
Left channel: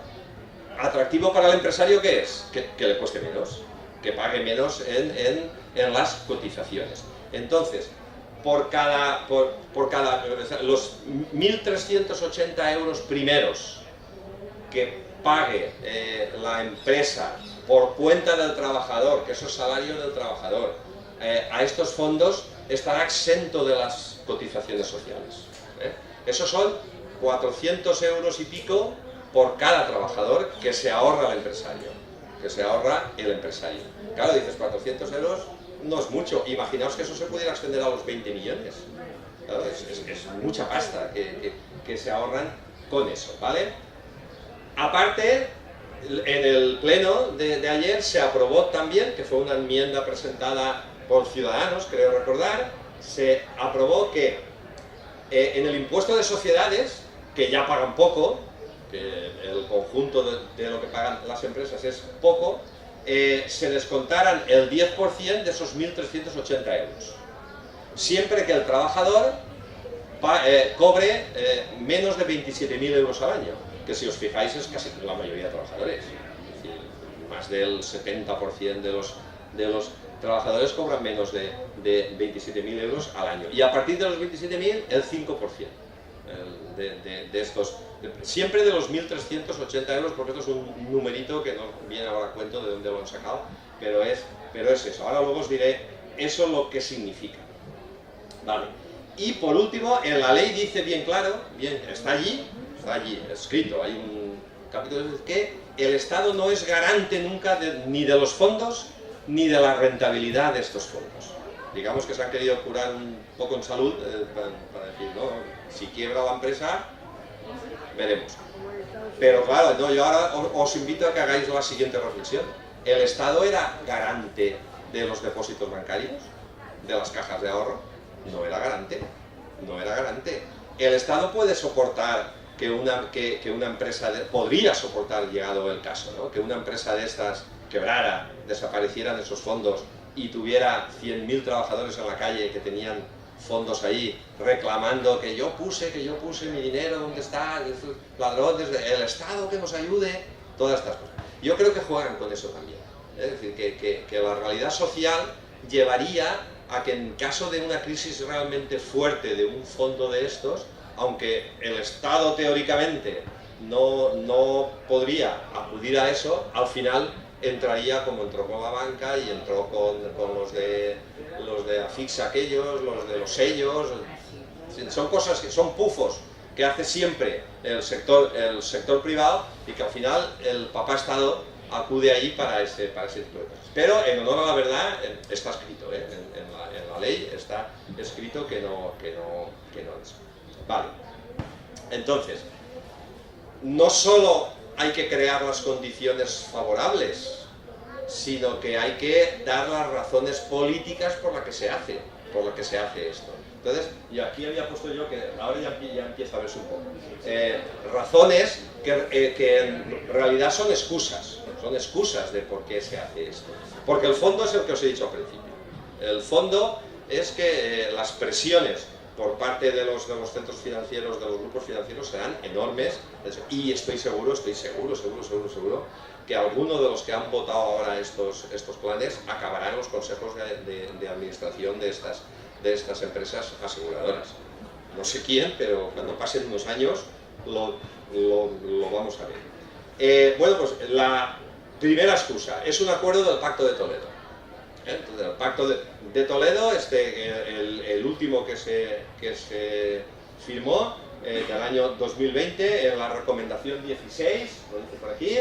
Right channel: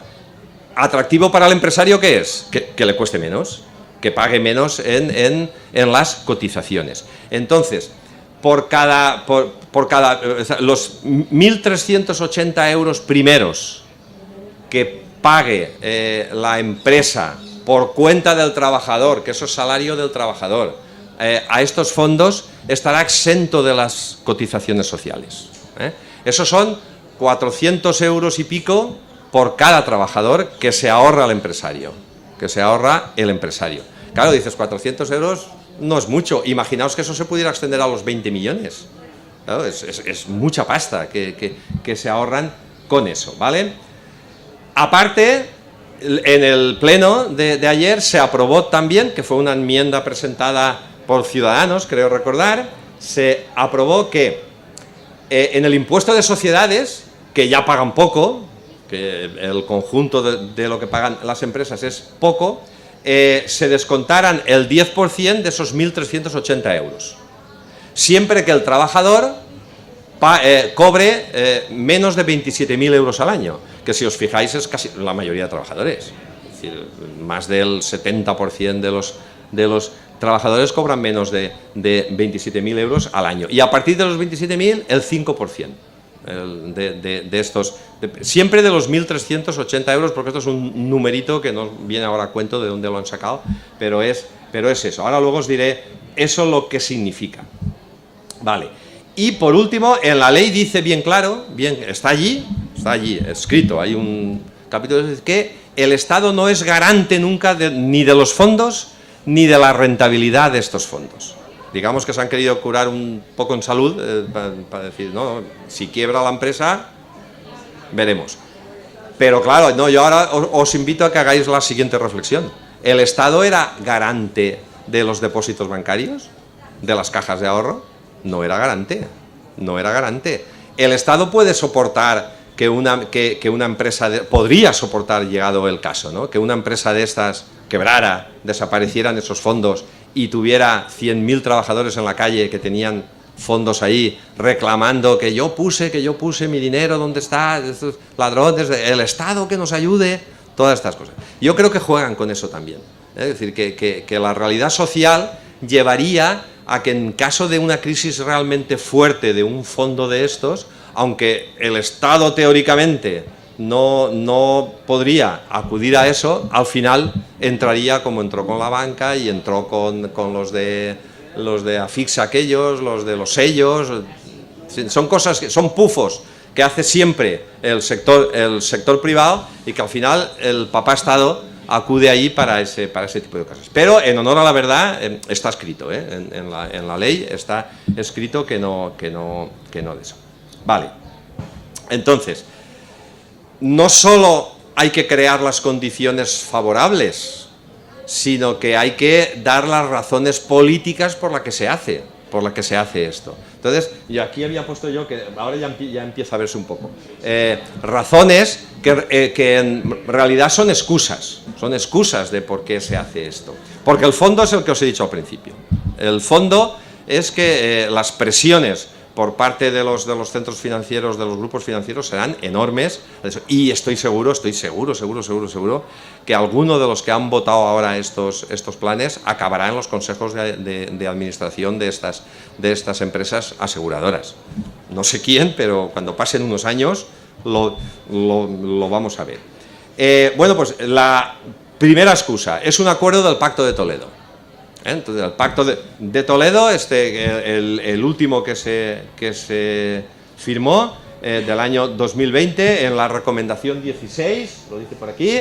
atractivo para el empresario, ¿qué es? Que le cueste menos, que pague menos en las cotizaciones. Entonces, por cada los 1.380 euros primeros que pague la empresa por cuenta del trabajador, que eso es salario del trabajador, a estos fondos estará exento de las cotizaciones sociales. Esos son 400 euros y pico por cada trabajador que se ahorra el empresario. Claro, dices, 400 euros no es mucho. Imaginaos que eso se pudiera extender a los 20 millones. Claro, es mucha pasta que se ahorran con eso, ¿vale? Aparte, en el pleno de ayer se aprobó también, que fue una enmienda presentada por Ciudadanos, creo recordar, se aprobó que en el impuesto de sociedades, que ya pagan poco, que el conjunto de lo que pagan las empresas es poco, se descontaran el 10% de esos 1.380 euros. Siempre que el trabajador cobre menos de 27.000 euros al año, que si os fijáis es casi la mayoría de trabajadores. Es decir, más del 70% de los trabajadores cobran menos de 27.000 euros al año. Y a partir de los 27.000, el 5%. De estos, siempre de los 1.380 euros, porque esto es un numerito que no viene ahora a cuento de dónde lo han sacado, pero es eso. Ahora luego os diré eso lo que significa. Vale. Y por último, en la ley dice bien claro, está allí escrito, hay un capítulo que el Estado no es garante nunca ni de los fondos ni de la rentabilidad de estos fondos. Digamos que se han querido curar un poco en salud, para decir, no, si quiebra la empresa, veremos. Pero claro, no, yo ahora os invito a que hagáis la siguiente reflexión. ¿El Estado era garante de los depósitos bancarios? ¿De las cajas de ahorro? No era garante, no era garante. El Estado puede soportar que una empresa, podría soportar, llegado el caso, ¿no?, que una empresa de estas quebrara, desaparecieran esos fondos y tuviera 100.000 trabajadores en la calle que tenían fondos ahí reclamando que yo puse mi dinero, ¿dónde está? Estos ladrones, el Estado que nos ayude, todas estas cosas. Yo creo que juegan con eso también. Es decir, que la realidad social llevaría a que en caso de una crisis realmente fuerte de un fondo de estos, aunque el Estado teóricamente no podría acudir a eso, al final entraría como entró con la banca y entró con los de Afixa aquellos, los de los sellos. Son cosas que son pufos que hace siempre el sector privado y que al final el papá Estado acude ahí para ese tipo de cosas. Pero en honor a la verdad está escrito, en la ley está escrito que no de eso. Vale. Entonces, no solo hay que crear las condiciones favorables, sino que hay que dar las razones políticas por las que se hace esto. Entonces, y aquí había puesto yo, que ahora ya empieza a verse un poco, razones que en realidad son excusas de por qué se hace esto. Porque el fondo es el que os he dicho al principio. El fondo es que las presiones por parte de los centros financieros, de los grupos financieros, serán enormes, y estoy seguro que alguno de los que han votado ahora estos planes acabará en los consejos de administración de estas empresas aseguradoras. No sé quién, pero cuando pasen unos años lo vamos a ver. Bueno, pues la primera excusa es un acuerdo del Pacto de Toledo. Entonces, el Pacto de Toledo, el último que se firmó del año 2020, en la recomendación 16, lo dice por aquí,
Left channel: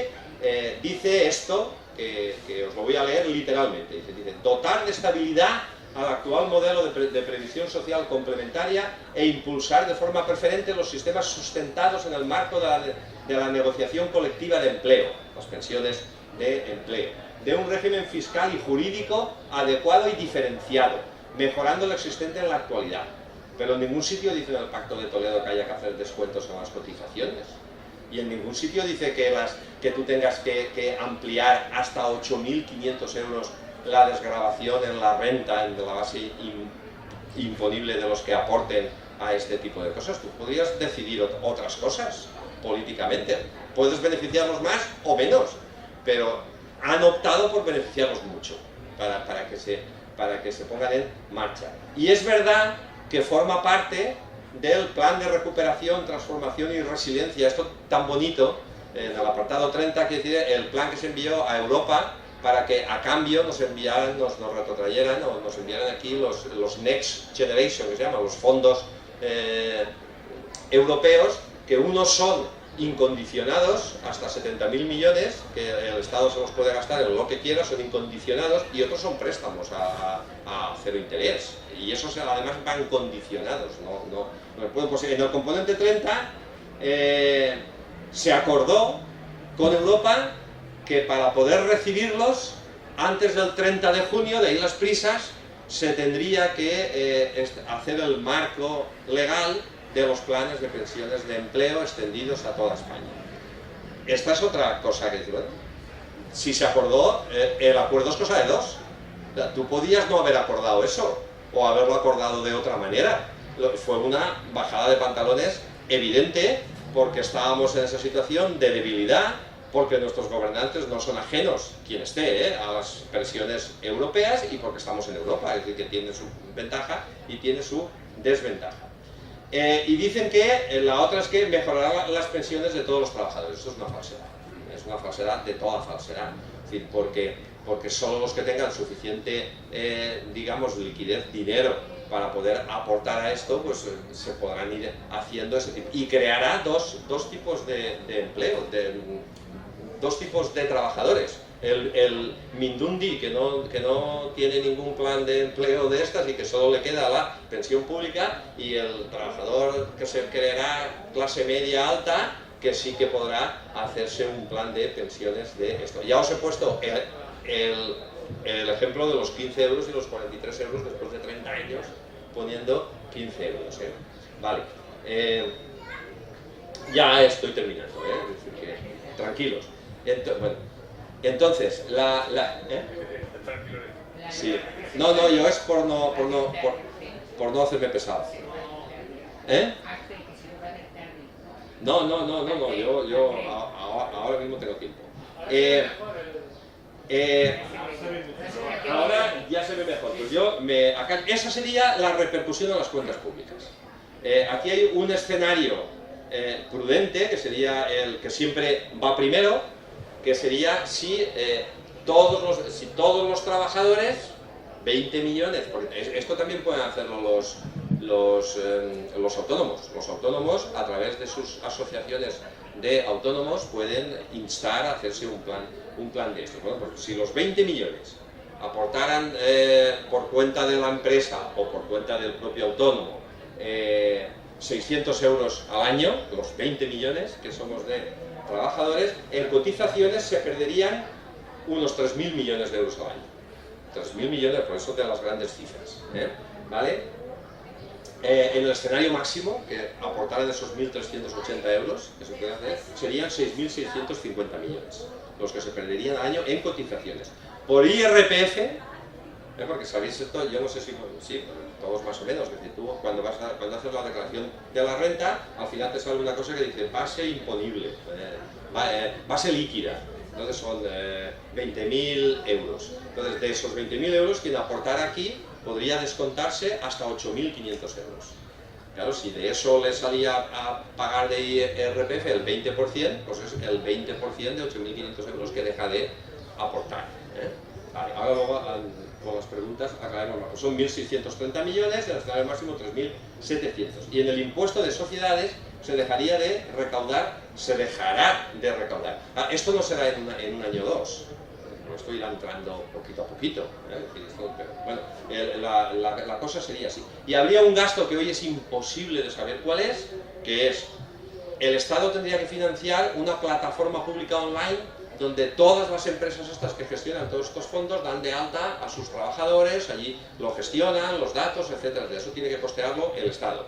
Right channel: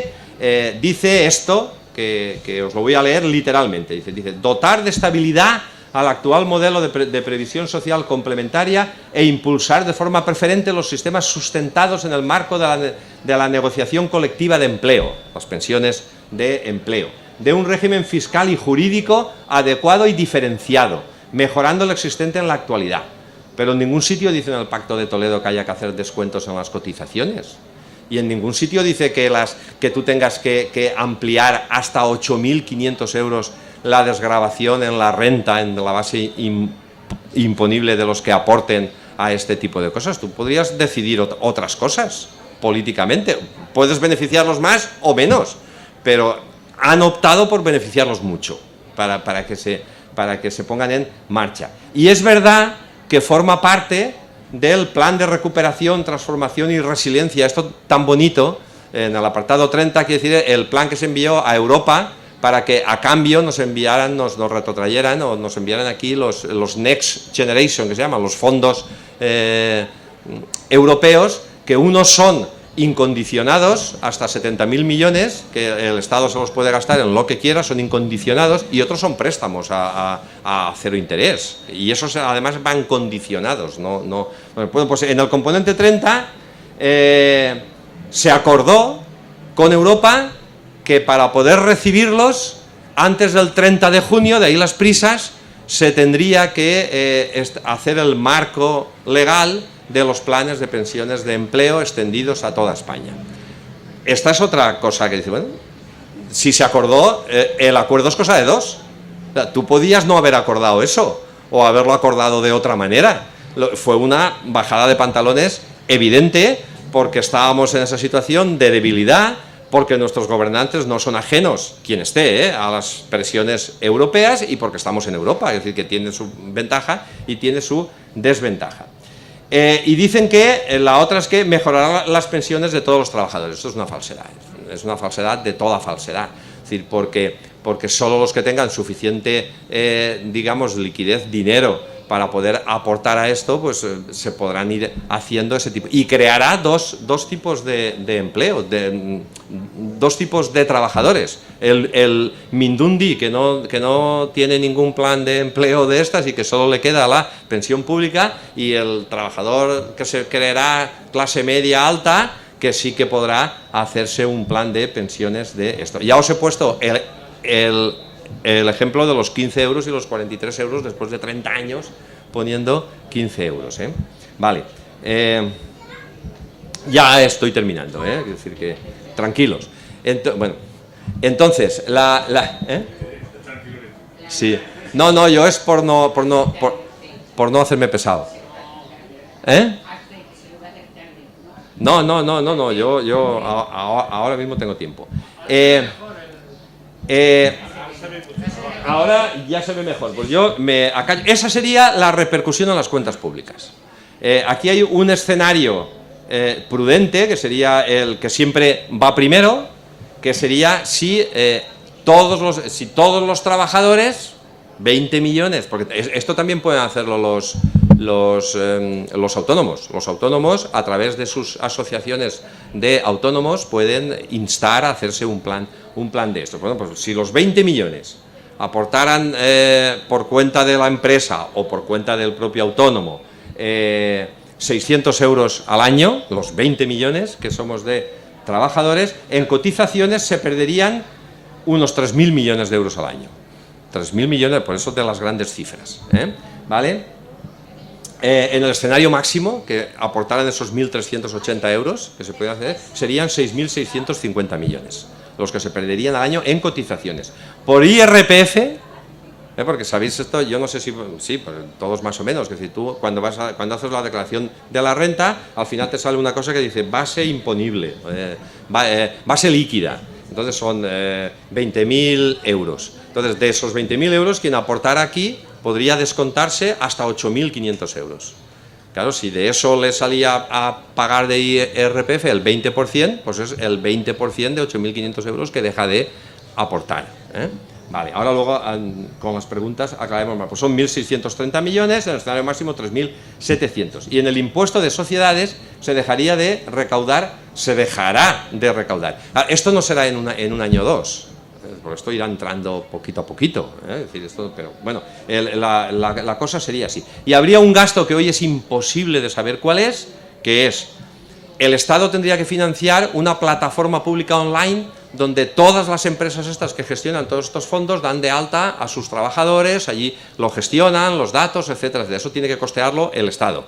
dice esto, que os lo voy a leer literalmente, dice dotar de estabilidad al actual modelo de previsión social complementaria e impulsar de forma preferente los sistemas sustentados en el marco de la negociación colectiva de empleo, las pensiones de empleo, de un régimen fiscal y jurídico adecuado y diferenciado, mejorando lo existente en la actualidad. Pero en ningún sitio dice en el Pacto de Toledo que haya que hacer descuentos en las cotizaciones. Y en ningún sitio dice que tú tengas que ampliar hasta 8.500 euros la desgravación en la renta, en la base imponible de los que aporten a este tipo de cosas. Tú podrías decidir otras cosas políticamente. Puedes beneficiarlos más o menos, pero han optado por beneficiarlos mucho para que se pongan en marcha. Y es verdad que forma parte del plan de recuperación, transformación y resiliencia, esto tan bonito, en el apartado 30, quiere decir el plan que se envió a Europa para que a cambio nos retrotrayeran o nos enviaran aquí los Next Generation, que se llaman los fondos europeos, que unos son incondicionados, hasta 70.000 millones, que el Estado se los puede gastar en lo que quiera, son incondicionados, y otros son préstamos a cero interés, y esos además van condicionados. Bueno, pues en el componente 30 se acordó con Europa que para poder recibirlos antes del 30 de junio, de ahí las prisas, se tendría que hacer el marco legal de los planes de pensiones de empleo extendidos a toda España. Esta es otra cosa que dice, bueno, si se acordó, el acuerdo es cosa de dos. O sea, tú podías no haber acordado eso, o haberlo acordado de otra manera. Fue una bajada de pantalones evidente, porque estábamos en esa situación de debilidad, porque nuestros gobernantes no son ajenos, quien esté, a las presiones europeas, y porque estamos en Europa, es decir, que tiene su ventaja y tiene su desventaja. Y dicen que la otra es que mejorará las pensiones de todos los trabajadores. Esto es una falsedad de toda falsedad. Es decir, porque solo los que tengan suficiente, digamos, liquidez, dinero para poder aportar a esto, pues se podrán ir haciendo ese tipo. Y creará dos tipos de empleo, dos tipos de trabajadores. El Mindundi, que no tiene ningún plan de empleo de estas y que solo le queda la pensión pública, y el trabajador que se creará clase media alta, que sí que podrá hacerse un plan de pensiones de esto. Ya os he puesto el ejemplo de los 15 euros y los 43 euros después de 30 años poniendo 15 euros. Vale, ya estoy terminando, es decir que tranquilos. Bueno, entonces, sí, no, yo es por no hacerme pesado. No, yo ahora mismo tengo tiempo. Ahora ya se ve mejor. Pues esa sería la repercusión en las cuentas públicas. Aquí hay un escenario prudente, que sería el que siempre va primero, que sería si todos los trabajadores, 20 millones, porque esto también pueden hacerlo los autónomos. Los autónomos, a través de sus asociaciones de autónomos, pueden instar a hacerse un plan de esto. Bueno, pues si los 20 millones aportaran por cuenta de la empresa o por cuenta del propio autónomo 600 euros al año, los 20 millones que somos de trabajadores, en cotizaciones se perderían unos 3.000 millones de euros al año. 3.000 millones, por eso de las grandes cifras, ¿vale? En el escenario máximo, que aportaran esos 1.380 euros que se puede hacer, serían 6.650 millones los que se perderían al año en cotizaciones. Por IRPF, porque sabéis esto, yo no sé si, sí, pues todos más o menos, que si tú cuando haces la declaración de la renta, al final te sale una cosa que dice base imponible, base líquida, entonces son 20.000 euros. Entonces, de esos 20.000 euros, quien aportara aquí podría descontarse hasta 8.500 euros. Claro, si de eso le salía a pagar de IRPF el 20%, pues es el 20% de 8.500 euros que deja de aportar. Vale, ahora luego con las preguntas aclaremos más. Pues son 1.630 millones, en el escenario máximo 3.700. Y en el impuesto de sociedades se dejará de recaudar. Esto no será en un año o dos. Por esto irá entrando poquito a poquito, es decir, pero bueno, la cosa sería así. Y habría un gasto que hoy es imposible de saber cuál es, que es, el Estado tendría que financiar una plataforma pública online donde todas las empresas estas que gestionan todos estos fondos dan de alta a sus trabajadores, allí lo gestionan, los datos, etcétera. De eso tiene que costearlo el Estado.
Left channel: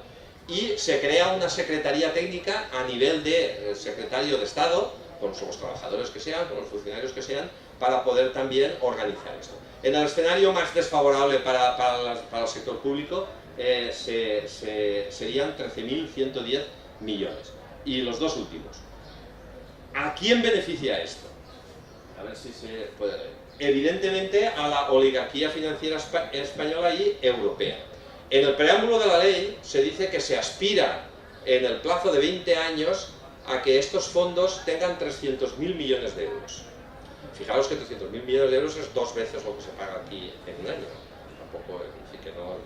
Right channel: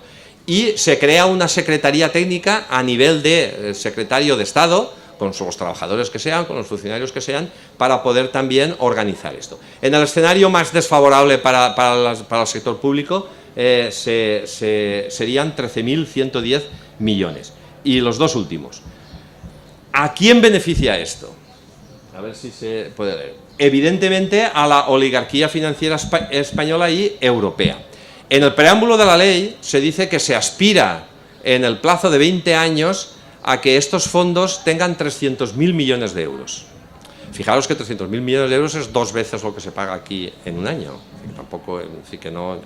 Y se crea una secretaría técnica a nivel de secretario de Estado, con los trabajadores que sean, con los funcionarios que sean, para poder también organizar esto. En el escenario más desfavorable para el sector público serían 13.110 millones. Y los dos últimos. ¿A quién beneficia esto? A ver si se puede leer. Evidentemente a la oligarquía financiera española y europea. En el preámbulo de la ley se dice que se aspira en el plazo de 20 años a que estos fondos tengan 300.000 millones de euros. Fijaros que 300.000 millones de euros es 2 veces lo que se paga aquí en un año. Tampoco, sí que no.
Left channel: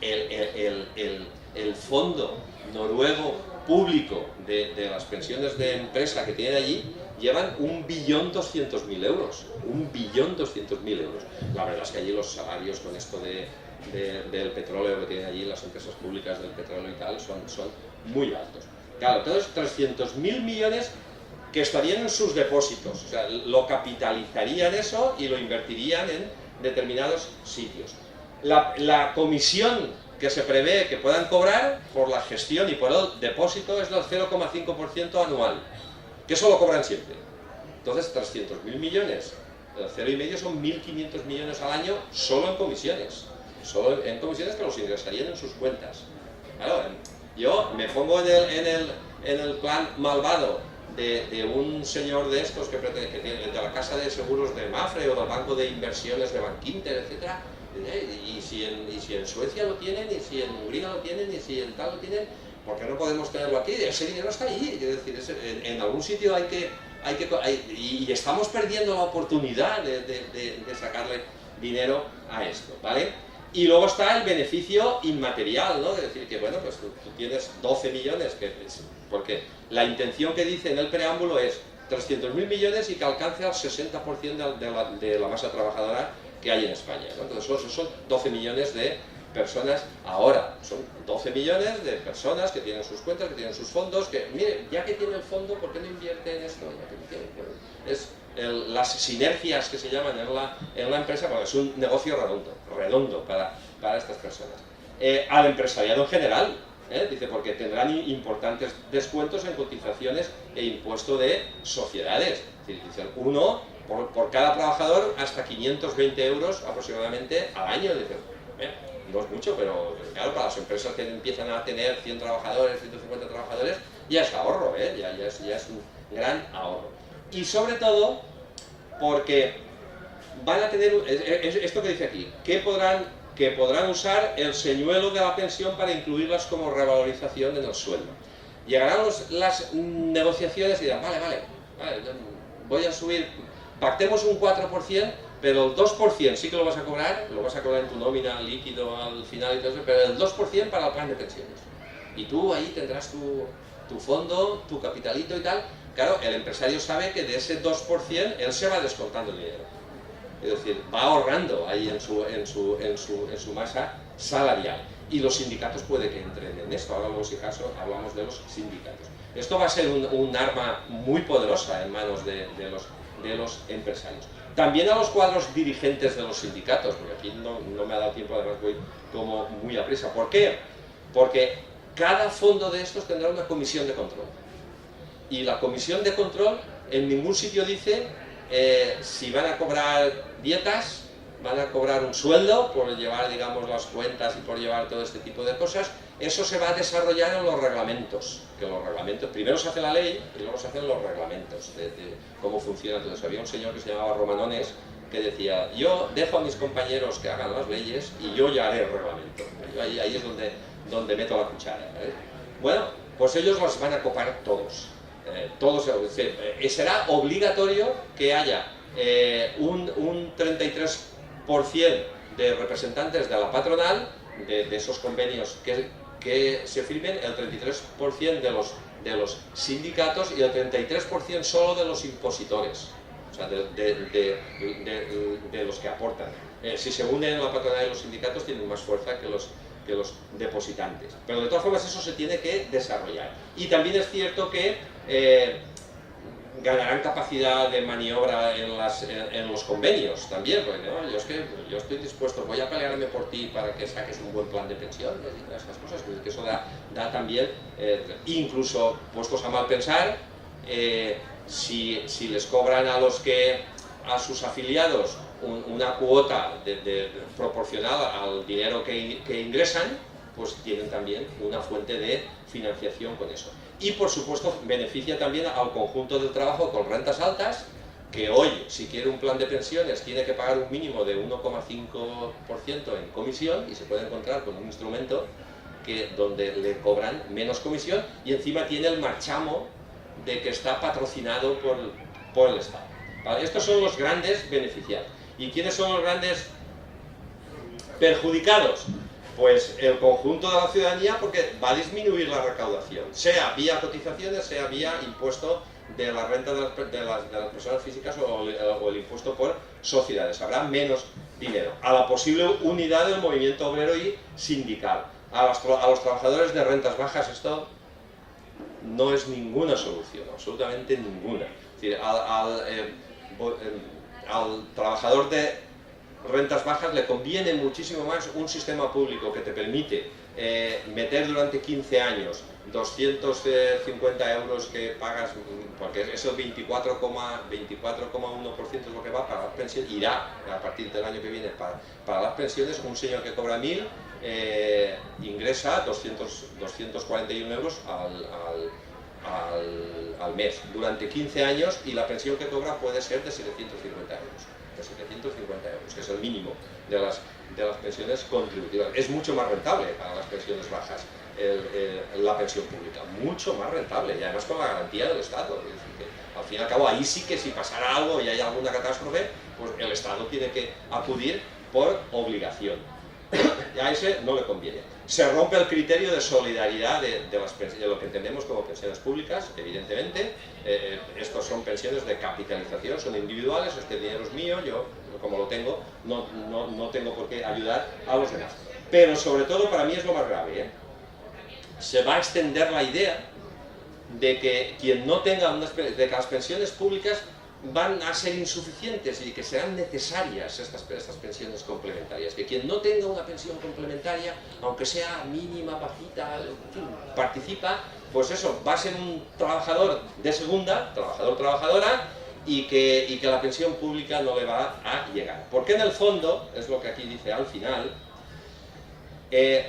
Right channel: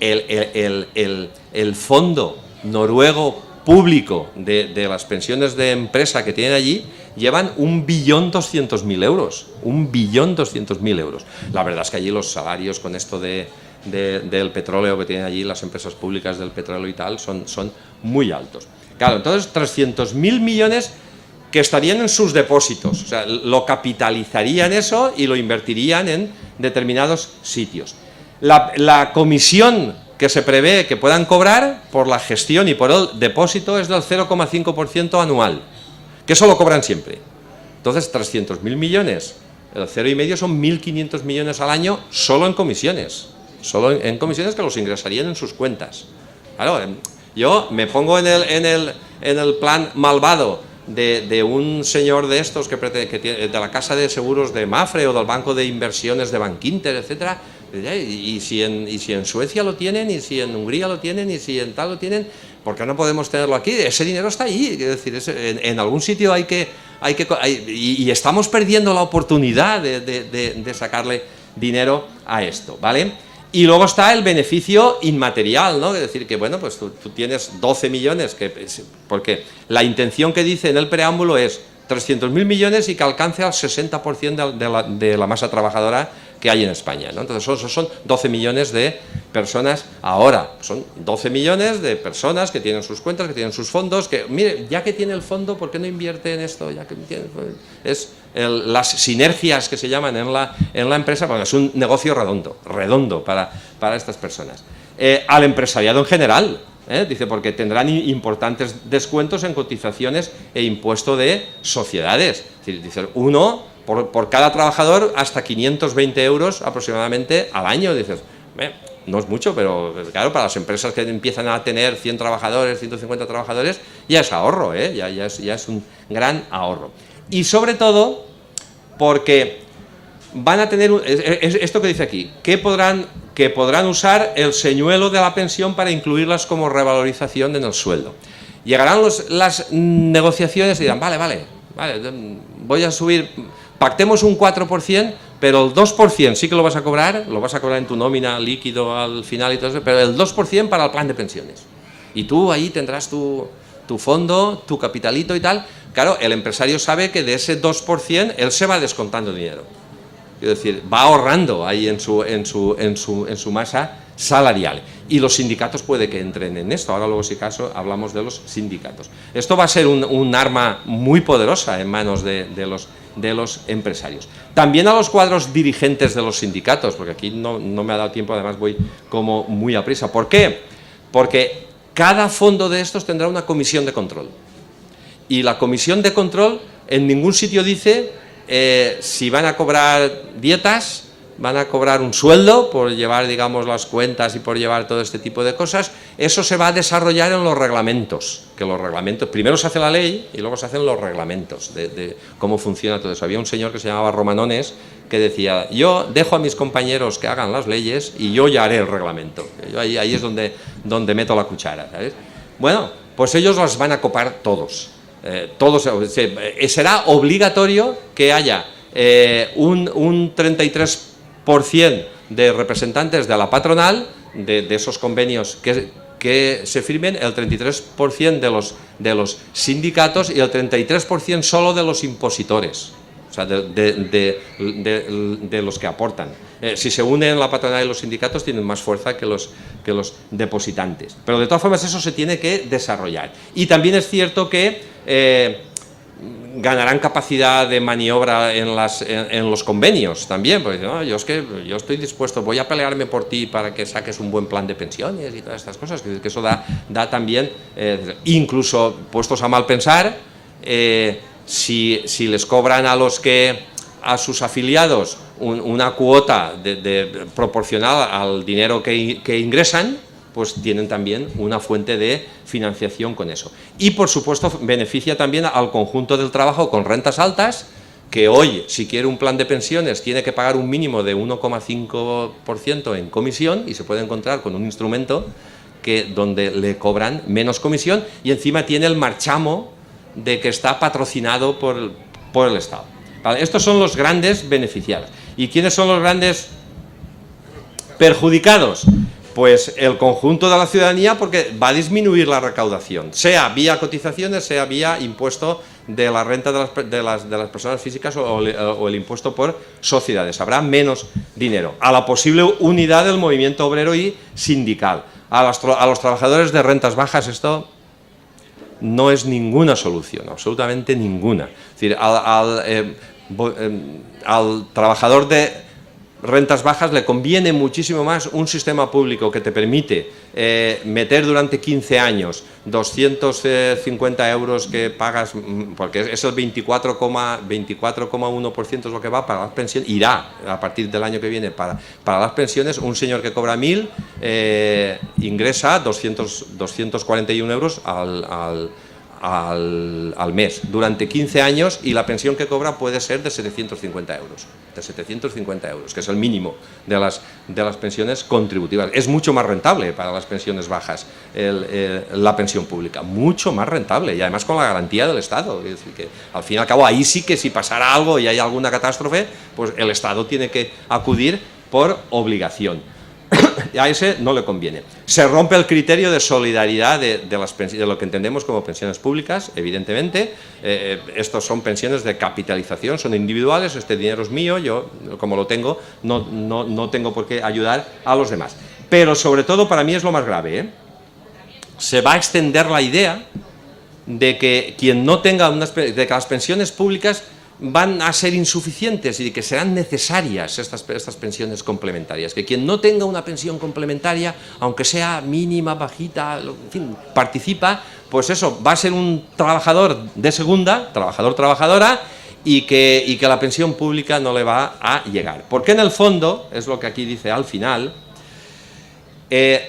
El fondo noruego público de las pensiones de empresa que tienen allí llevan 1.200.000 euros. 1.200.000 euros. La verdad es que allí los salarios con esto del petróleo que tienen allí las empresas públicas del petróleo y tal son muy altos. Claro, entonces 300.000 millones que estarían en sus depósitos, o sea, lo capitalizarían eso y lo invertirían en determinados sitios. La comisión que se prevé que puedan cobrar por la gestión y por el depósito es del 0,5% anual, que eso lo cobran siempre. Entonces 300.000 millones, el 0,5 son 1.500 millones al año solo en comisiones que los ingresarían en sus cuentas. Claro, yo me pongo en el plan malvado de un señor de estos que tiene, de la casa de seguros de Mafre o del banco de inversiones de Bankinter, etcétera. Y si en Suecia lo tienen, y si en Hungría lo tienen, y si en tal lo tienen, ¿por qué no podemos tenerlo aquí? Ese dinero está ahí, es decir, en algún sitio y estamos perdiendo la oportunidad de sacarle dinero a esto, ¿vale? Y luego está el beneficio inmaterial, ¿no? Es decir, que bueno, pues tú tienes 12 millones, porque la intención que dice en el preámbulo es 300.000 millones y que alcance al 60% de la masa trabajadora que hay en España, ¿no? Entonces esos son 12 millones de personas ahora, son 12 millones de personas que tienen sus cuentas, que tienen sus fondos, que, mire, ya que tiene el fondo, ¿por qué no invierte en esto? Ya que tiene, es las sinergias que se llaman en la empresa, porque es un negocio redondo para estas personas. Al empresariado en general, dice, porque tendrán importantes descuentos en cotizaciones e impuesto de sociedades. Es decir, dice, uno por cada trabajador hasta 520 euros aproximadamente al año. Dices, no es mucho, pero claro, para las empresas que empiezan a tener 100 trabajadores, 150 trabajadores, ya es ahorro, ya es un gran ahorro. Y sobre todo, porque van a tener, esto que dice aquí, que podrán usar el señuelo de la pensión para incluirlas como revalorización en el sueldo. Llegarán las negociaciones y dirán, vale, voy a subir, pactemos un 4%, pero el 2% sí que lo vas a cobrar en tu nómina líquido al final y todo eso, pero el 2% para el plan de pensiones. Y tú ahí tendrás tu fondo, tu capitalito y tal. Claro, el empresario sabe que de ese 2% él se va descontando dinero. Es decir, va ahorrando ahí en su masa salarial. Y los sindicatos puede que entren en esto. Ahora luego, si acaso, hablamos de los sindicatos. Esto va a ser un arma muy poderosa en manos de los empresarios. También a los cuadros dirigentes de los sindicatos, porque aquí no me ha dado tiempo, además voy como muy a prisa. ¿Por qué? Porque cada fondo de estos tendrá una comisión de control. Y la comisión de control en ningún sitio dice si van a cobrar dietas, van a cobrar un sueldo por llevar, digamos, las cuentas y por llevar todo este tipo de cosas. Eso se va a desarrollar en los reglamentos, que los reglamentos, primero se hace la ley y luego se hacen los reglamentos de cómo funciona todo eso. Había un señor que se llamaba Romanones que decía, yo dejo a mis compañeros que hagan las leyes y yo ya haré el reglamento. Yo ahí es donde meto la cuchara, ¿sabes? Bueno, pues ellos las van a copar todos. Será obligatorio que haya un 33% de representantes de la patronal, de esos convenios que se firmen, el 33% de los sindicatos y el 33% solo de los impositores, o sea, de los que aportan. Si se unen la patronal y los sindicatos, tienen más fuerza que los depositantes. Pero de todas formas eso se tiene que desarrollar. Y también es cierto que ganarán capacidad de maniobra en los convenios también, porque no, yo estoy dispuesto, voy a pelearme por ti para que saques un buen plan de pensiones y todas estas cosas, que eso da también, incluso puestos a mal pensar, si les cobran a sus afiliados una cuota proporcional al dinero que ingresan, pues tienen también una fuente de financiación con eso. Y por supuesto beneficia también al conjunto del trabajo con rentas altas, que hoy, si quiere un plan de pensiones, tiene que pagar un mínimo de 1,5% en comisión, y se puede encontrar con un instrumento donde le cobran menos comisión y encima tiene el marchamo de que está patrocinado por el Estado. ¿Vale? Estos son los grandes beneficiados. ¿Y quiénes son los grandes perjudicados? Pues el conjunto de la ciudadanía, porque va a disminuir la recaudación, sea vía cotizaciones, sea vía impuesto de la renta de las personas físicas o el impuesto por sociedades. Habrá menos dinero. A la posible unidad del movimiento obrero y sindical. A los trabajadores de rentas bajas esto no es ninguna solución, absolutamente ninguna. Es decir, al trabajador de rentas bajas le conviene muchísimo más un sistema público que te permite meter durante 15 años 250 euros que pagas, porque es el 24,1% es lo que va para las pensiones, irá a partir del año que viene para las pensiones. Un señor que cobra 1.000 ingresa 241 euros al mes durante 15 años, y la pensión que cobra puede ser de 750 euros, que es el mínimo de las pensiones contributivas. Es mucho más rentable para las pensiones bajas la pensión pública, mucho más rentable, y además con la garantía del Estado. Es decir, que al fin y al cabo ahí sí que si pasara algo y hay alguna catástrofe, pues el Estado tiene que acudir por obligación. a ese no le conviene. Se rompe el criterio de solidaridad de lo que entendemos como pensiones públicas, evidentemente. Estos son pensiones de capitalización, son individuales, este dinero es mío, yo como lo tengo, no tengo por qué ayudar a los demás. Pero sobre todo para mí es lo más grave, ¿eh? Se va a extender la idea de que quien no tenga de que las pensiones públicas van a ser insuficientes y que serán necesarias estas pensiones complementarias, que quien no tenga una pensión complementaria, aunque sea mínima, bajita, en fin, participa, pues eso, va a ser un trabajador de segunda, trabajadora, y que la pensión pública no le va a llegar. Porque en el fondo, es lo que aquí dice al final,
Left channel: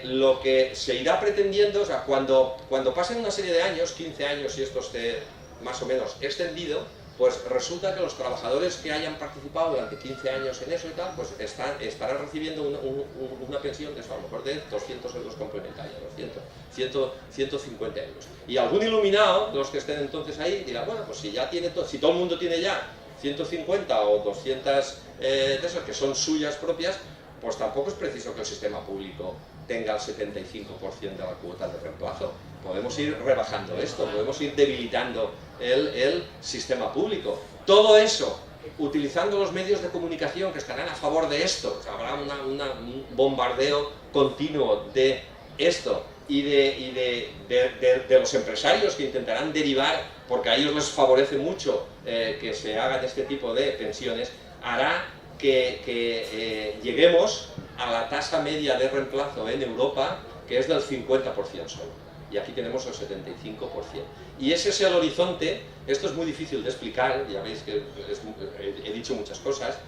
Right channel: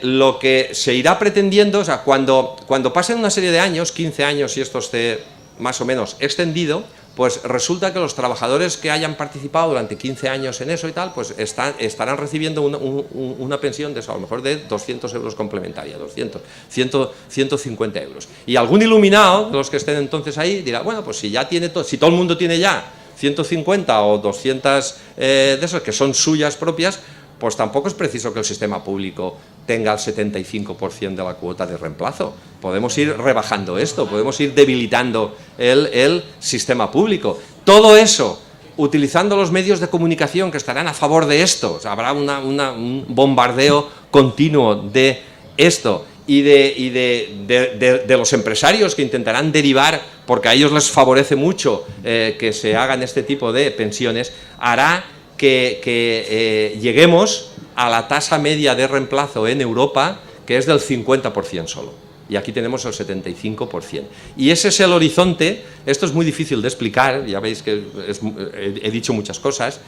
lo que se irá pretendiendo, o sea, cuando pasen una serie de años, 15 años, si esto esté más o menos extendido, pues resulta que los trabajadores que hayan participado durante 15 años en eso y tal, pues estarán recibiendo una pensión de eso, a lo mejor de 200 euros complementaria, 200, 150 euros. Y algún iluminado de los que estén entonces ahí dirá, bueno, pues si ya tiene si todo el mundo tiene ya 150 o 200 de esos que son suyas propias, pues tampoco es preciso que el sistema público tenga el 75% de la cuota de reemplazo. Podemos ir rebajando esto, podemos ir debilitando el sistema público. Todo eso, utilizando los medios de comunicación que estarán a favor de esto, o sea, habrá un bombardeo continuo de esto y de los empresarios que intentarán derivar, porque a ellos les favorece mucho que se hagan este tipo de pensiones, hará que lleguemos a la tasa media de reemplazo en Europa, que es del 50% solo. Y aquí tenemos el 75%. Y ese es el horizonte. Esto es muy difícil de explicar, ya veis que he dicho muchas cosas,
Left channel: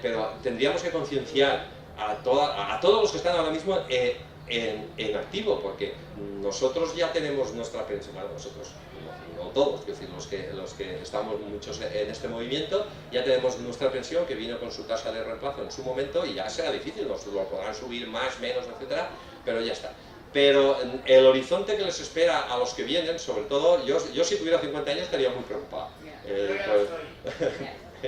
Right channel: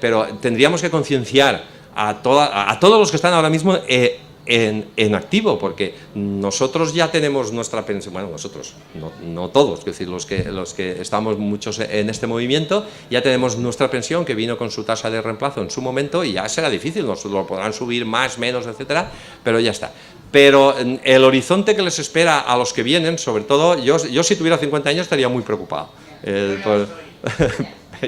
pero tendríamos que concienciar a todos los que están ahora mismo en activo, porque nosotros ya tenemos nuestra pensión, bueno, nosotros, no todos, es decir, los que estamos muchos en este movimiento, ya tenemos nuestra pensión que vino con su tasa de reemplazo en su momento y ya será difícil, nos lo podrán subir más, menos, etcétera, pero ya está. Pero el horizonte que les espera a los que vienen, sobre todo, yo si tuviera 50 años estaría muy preocupado.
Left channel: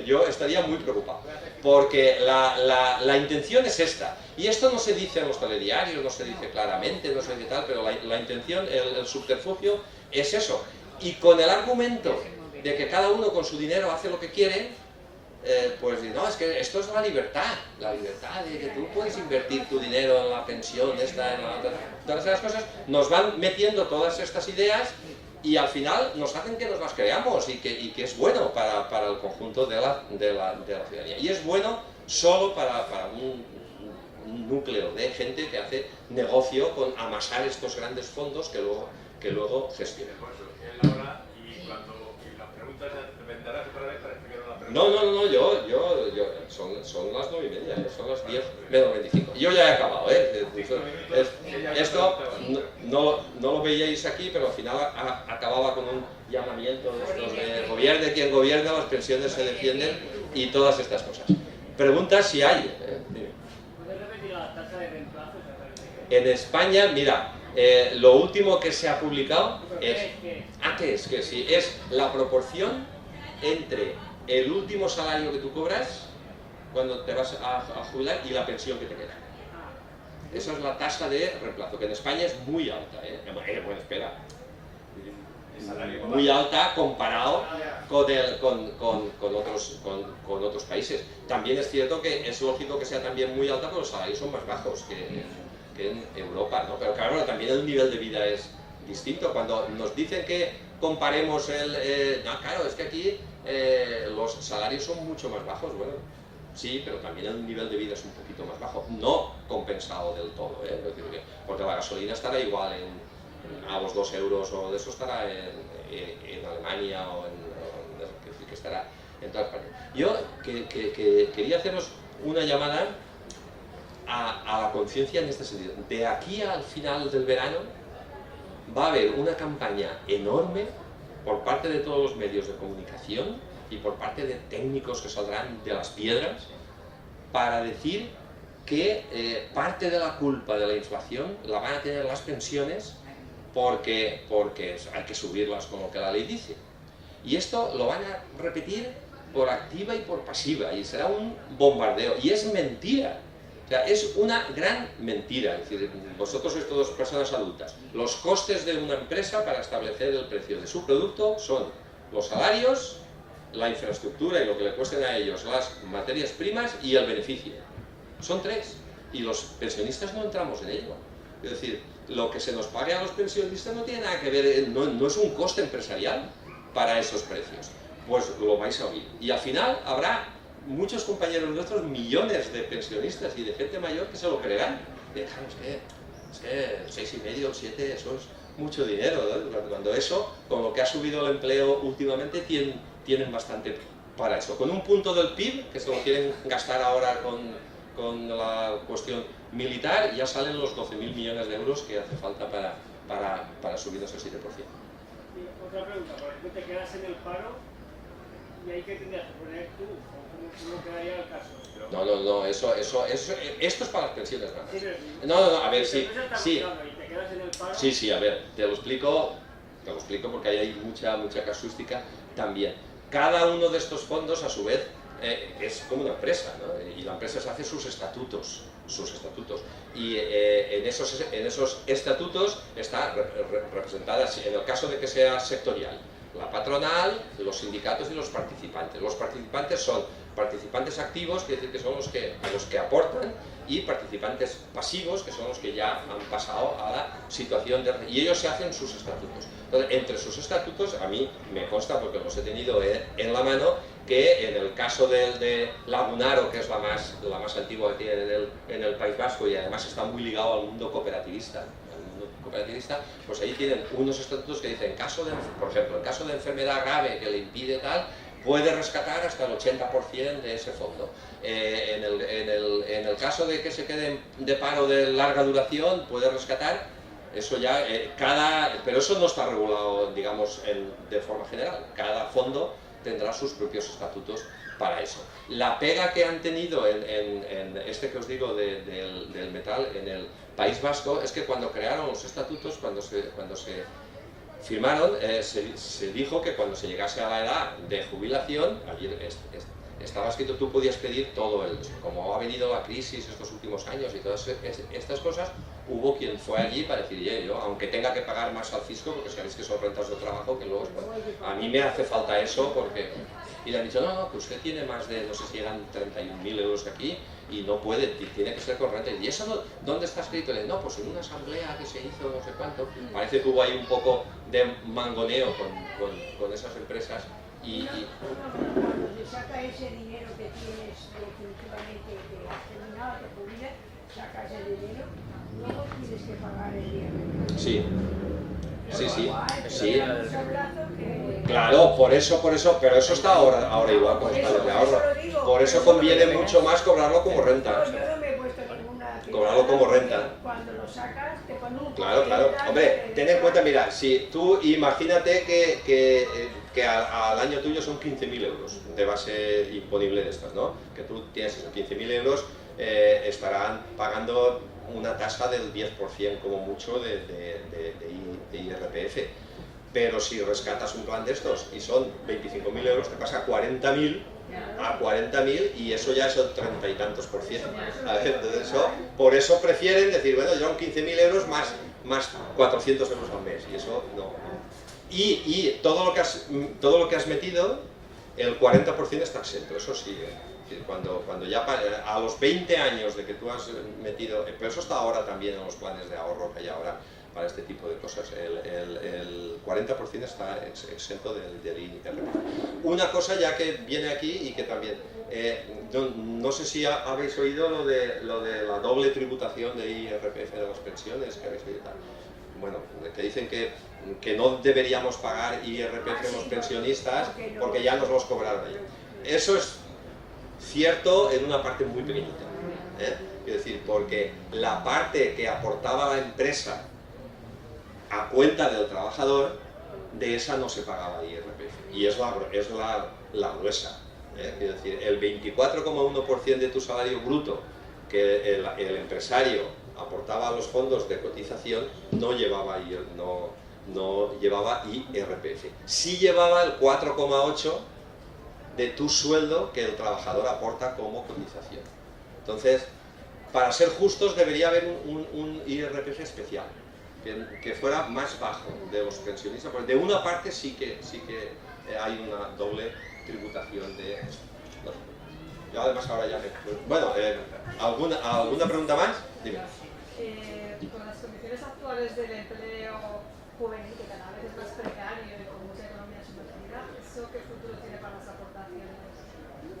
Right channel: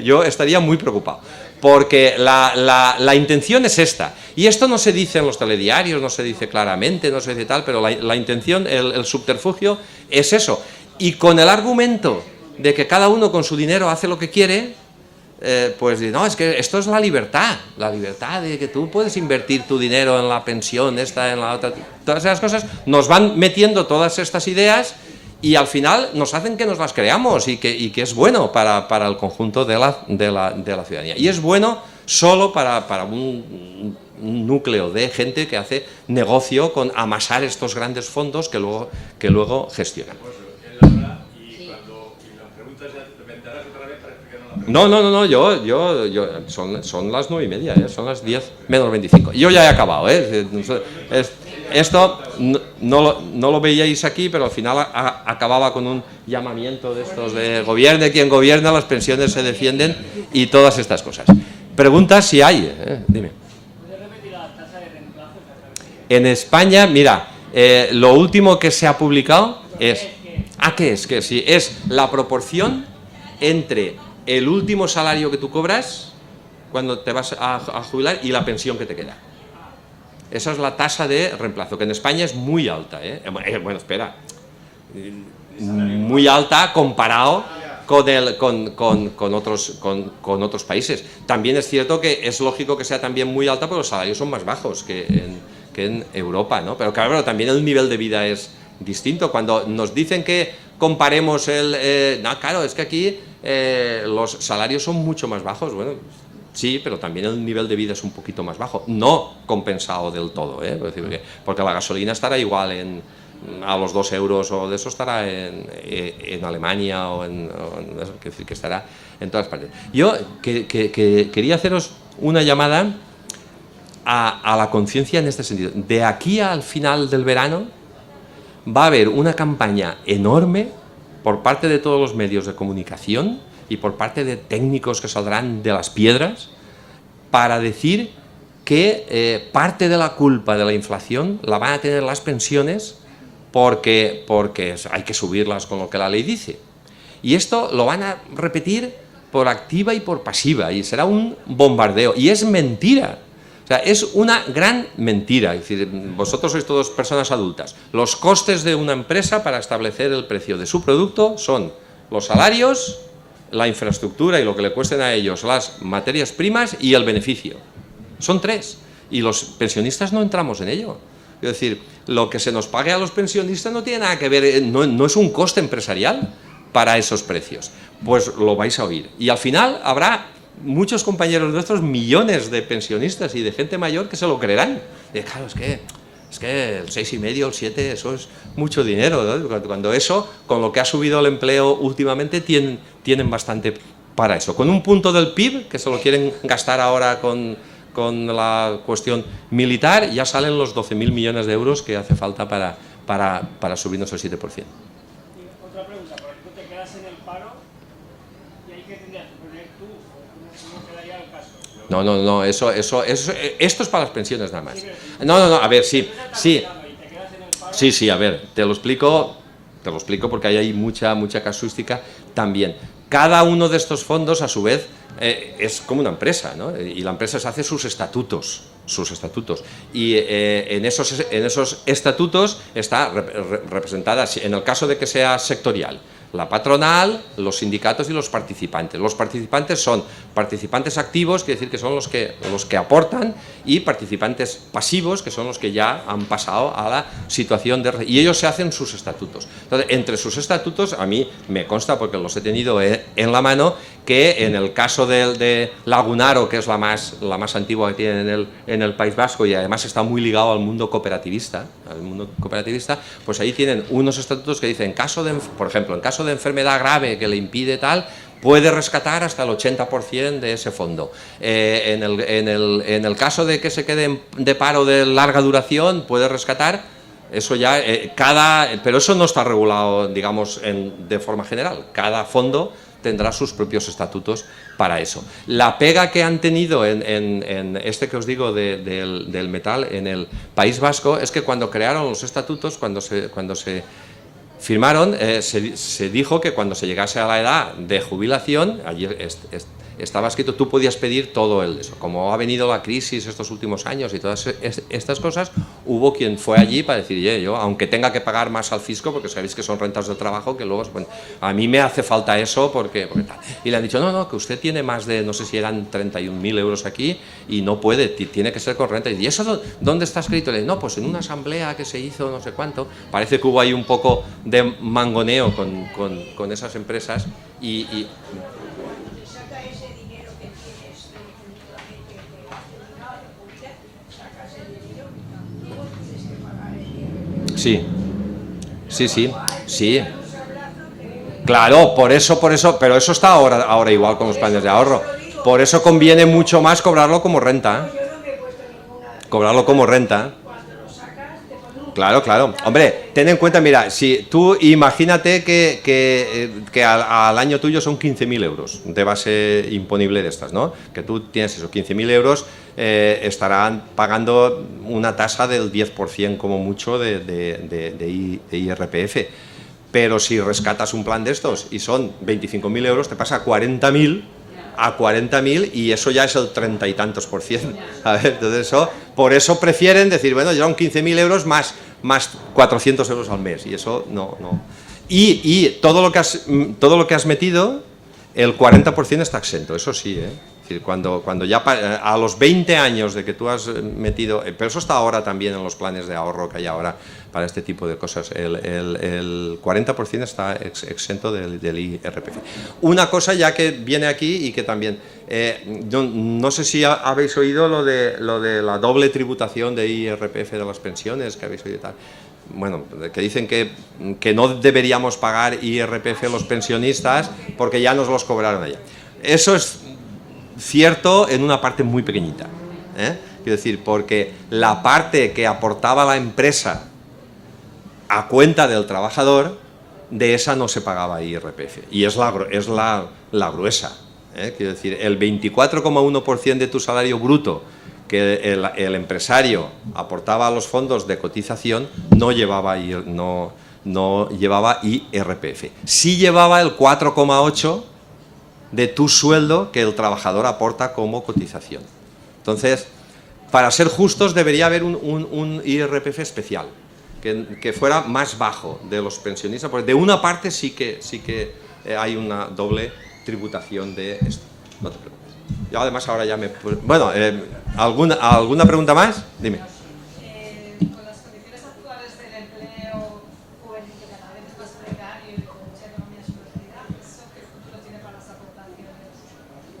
Yo estaría muy preocupado, porque la intención es esta, y esto no se dice en los telediarios, no se dice claramente, no se dice tal, pero la intención, el subterfugio es eso, y con el argumento de que cada uno con su dinero hace lo que quiere, pues no, es que esto es la libertad de que tú puedes invertir tu dinero en la pensión, esta, en la otra, todas esas cosas, nos van metiendo todas estas ideas y al final nos hacen que nos las creamos y que es bueno para el conjunto de la ciudadanía. Y es bueno solo para un núcleo de gente que hace negocio con amasar estos grandes fondos que luego gestionan. No, son las 9:30, son las 10 menos 25. Yo ya he acabado, esto no lo veíais aquí, pero al final acababa con un llamamiento de estos de gobierne quien gobierna, las pensiones se defienden y todas estas cosas. Preguntas si hay, dime. ¿Puedes repetir la tasa de reemplazo? En España, mira, lo último que se ha publicado es... ¿Qué es? Sí, es la proporción entre el último salario que tú cobras cuando te vas a jubilar y la pensión que te queda. Esa es la tasa de reemplazo, que en España es muy alta, bueno, espera, muy alta comparado con otros países. También es cierto que es lógico que sea también muy alta porque los salarios son más bajos que en Europa, ¿no? Pero claro, también el nivel de vida es distinto. Cuando nos dicen que comparemos claro, es que aquí los salarios son mucho más bajos, bueno, sí, pero también el nivel de vida es un poquito más bajo, no compensado del todo, porque la gasolina estará igual a los 2 euros o de eso estará en Alemania que estará en todas partes. Yo quería haceros una llamada a la conciencia en este sentido. De aquí al final del verano va a haber una campaña enorme por parte de todos los medios de comunicación y por parte de técnicos que saldrán de las piedras para decir que parte de la culpa de la inflación la van a tener las pensiones porque hay que subirlas con lo que la ley dice. Y esto lo van a repetir por activa y por pasiva y será un bombardeo. Y es mentira. O sea, es una gran mentira. Es decir, vosotros sois todos personas adultas. Los costes de una empresa para establecer el precio de su producto son los salarios, la infraestructura y lo que le cuesten a ellos las materias primas y el beneficio. Son tres. Y los pensionistas no entramos en ello. Es decir, lo que se nos pague a los pensionistas no tiene nada que ver, no es un coste empresarial para esos precios. Pues lo vais a oír. Y al final habrá muchos compañeros nuestros, millones de pensionistas y de gente mayor que se lo creerán. Y claro, es que el 6,5, el 7, eso es mucho dinero, ¿no? Cuando eso, con lo que ha subido el empleo últimamente, tienen bastante para eso. Con un punto del PIB, que se lo quieren gastar ahora con la cuestión militar, ya salen los 12.000 millones de euros que hace falta para subirnos el 7%. Otra pregunta, por ejemplo, te quedas en el paro y hay que poner tú, no quedaría el caso. No, esto es para las pensiones nada más. No, a ver, sí, a ver, te lo explico porque ahí hay mucha casuística también. Cada uno de estos fondos, a su vez, es como una empresa, ¿no? Y la empresa se hace sus estatutos. Y en esos estatutos está representada, en el caso de que sea sectorial, la patronal, los sindicatos y los participantes. Los participantes son participantes activos, quiere decir que son los que aportan, y participantes pasivos, que son los que ya han pasado a la situación de... Y ellos se hacen sus estatutos. Entonces, entre sus estatutos, a mí me consta, porque los he tenido en la mano, que en el caso de Lagunaro, que es la más antigua que tienen en el País Vasco, y además está muy ligado al mundo cooperativista, pues ahí tienen unos estatutos que dicen, por ejemplo, en caso de enfermedad grave que le impide tal, puede rescatar hasta el 80% de ese fondo. En el caso de que se quede de paro de larga duración, puede rescatar, eso ya, pero eso no está regulado, digamos, de forma general. Cada fondo tendrá sus propios estatutos para eso. La pega que han tenido en este que os digo del metal en el País Vasco es que cuando crearon los estatutos, cuando se firmaron, se dijo que cuando se llegase a la edad de jubilación, allí estaba escrito, tú podías pedir todo eso. Como ha venido la crisis estos últimos años y todas estas cosas, hubo quien fue allí para decir, yo, aunque tenga que pagar más al fisco, porque sabéis que son rentas del trabajo, que luego, bueno, a mí me hace falta eso, porque tal. Y le han dicho, no, que usted tiene más de, no sé si eran 31.000 euros aquí, y no puede, tiene que ser con renta. Y eso, ¿dónde está escrito? Le digo, no, pues en una asamblea que se hizo, no sé cuánto. Parece que hubo ahí un poco de mangoneo con esas empresas, y saca ese dinero que tienes definitivamente terminado, te jubilas, sacas el dinero, luego tienes que pagar el dinero. Sí. Claro, por eso, pero eso está ahora igual con los planes de ahorro. Por eso conviene mucho más cobrarlo como renta. Cobrarlo como renta. Claro. Hombre, ten en cuenta, mira, si tú imagínate que al año tuyo son 15.000 euros de base imponible de estas, ¿no? Que tú tienes esos 15.000 euros, estarán pagando una tasa del 10% como mucho de IRPF. Pero si rescatas un plan de estos y son 25.000 euros, te pasa a 40.000 y eso ya es el 30 y tantos %. A ver, entonces por eso prefieren decir, bueno, ya son 15.000 euros más 400 euros al mes, y eso no. Y todo lo que has metido, el 40% está exento, eso sí, ¿eh? Es decir, cuando ya a los 20 años de que tú has metido, pero eso está ahora también en los planes de ahorro que hay ahora para este tipo de cosas, el 40% está exento del IRPF. Una cosa ya que viene aquí y que también, no sé si habéis oído lo de la doble tributación de IRPF de las pensiones, que habéis oído tal. Bueno, que dicen que no deberíamos pagar IRPF los pensionistas porque ya nos los cobraron allá. Eso es cierto en una parte muy pequeñita, quiero decir, porque la parte que aportaba la empresa a cuenta del trabajador, de esa no se pagaba IRPF, y es la gruesa, quiero decir, el 24,1% de tu salario bruto que el empresario aportaba a los fondos de cotización no llevaba IRPF, sí llevaba el 4,8% de tu sueldo que el trabajador aporta como cotización. Entonces, para ser justos, debería haber un IRPF especial, que fuera más bajo de los pensionistas, porque de una parte sí que hay una doble tributación de esto. No te preocupes. Yo además ahora ya me... Bueno, ¿alguna pregunta más? Dime. Con las condiciones actuales del empleo juvenil, que cada vez es más precario y con mucha economía sumergida, ¿eso qué futuro tiene para las aportaciones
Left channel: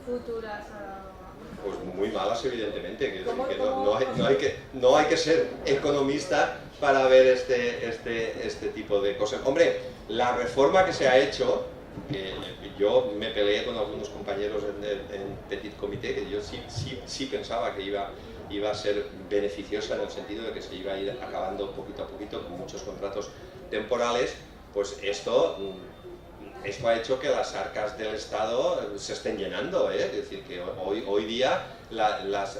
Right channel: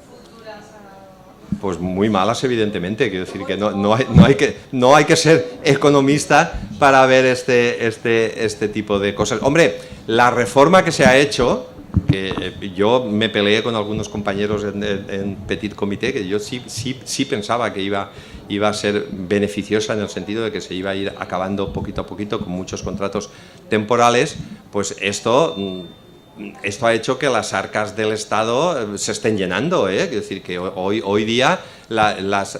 futuras? Pues muy malas, evidentemente. Quiero decir que no hay que ser economista para ver este tipo de cosas. Hombre, la reforma que se ha hecho, que yo me peleé con algunos compañeros en Petit Comité, que yo sí pensaba que iba a ser beneficiosa en el sentido de que se iba a ir acabando poquito a poquito con muchos contratos temporales, pues esto ha hecho que las arcas del Estado se estén llenando, ¿eh? Es decir, que hoy día las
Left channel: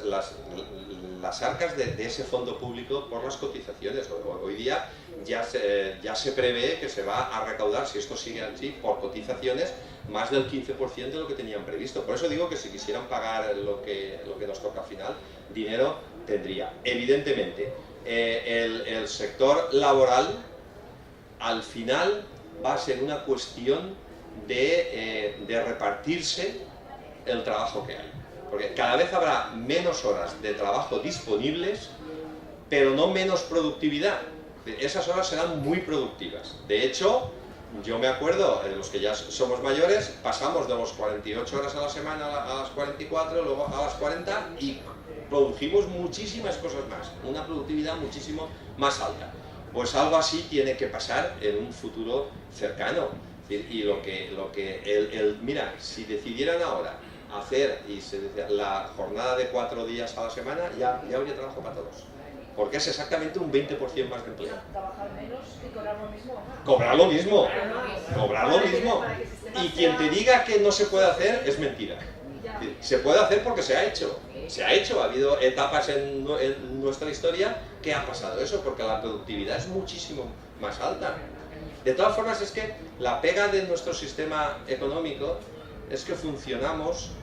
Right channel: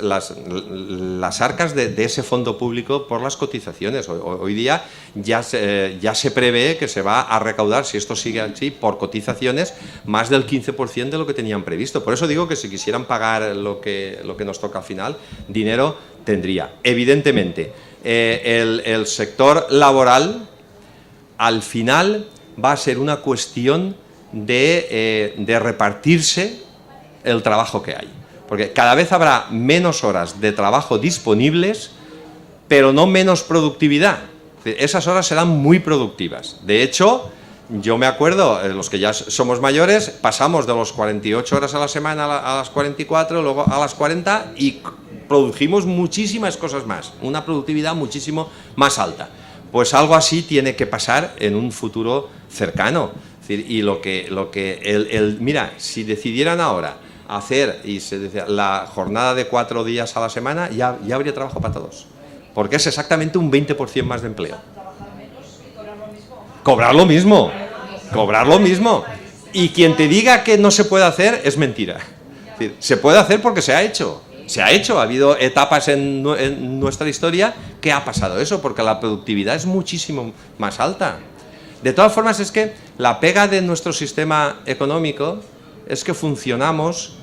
arcas de ese fondo público por las cotizaciones, hoy día ya se prevé que se va a recaudar, si esto sigue así, por cotizaciones, más del 15% de lo que tenían previsto. Por eso digo que si quisieran pagar lo que nos toca al final, dinero tendría. Evidentemente, el sector laboral, al final, va a ser una cuestión de repartirse el trabajo que hay. Porque cada vez habrá menos horas de trabajo disponibles, pero no menos productividad. Esas horas serán muy productivas. De hecho, yo me acuerdo, los que ya somos mayores, pasamos de los 48 horas a la semana a las 44, luego a las 40 y produjimos muchísimas cosas más, una productividad muchísimo más alta. Pues algo así tiene que pasar en un futuro cercano. Y mira, si decidieran ahora hacer la jornada de 4 días a la semana, ya habría trabajo para todos. Porque es exactamente un 20% más de empleo. ¿Trabajar menos y cobrar lo mismo? Cobrar lo mismo. Cobrar lo mismo. Y quien te diga que no se puede hacer es mentira. Es decir, se puede hacer porque se ha hecho. Se ha hecho, ha habido etapas en nuestra historia que ha pasado eso, porque la productividad es muchísimo más alta. De todas formas, es que la pega de nuestro sistema económico es que funcionamos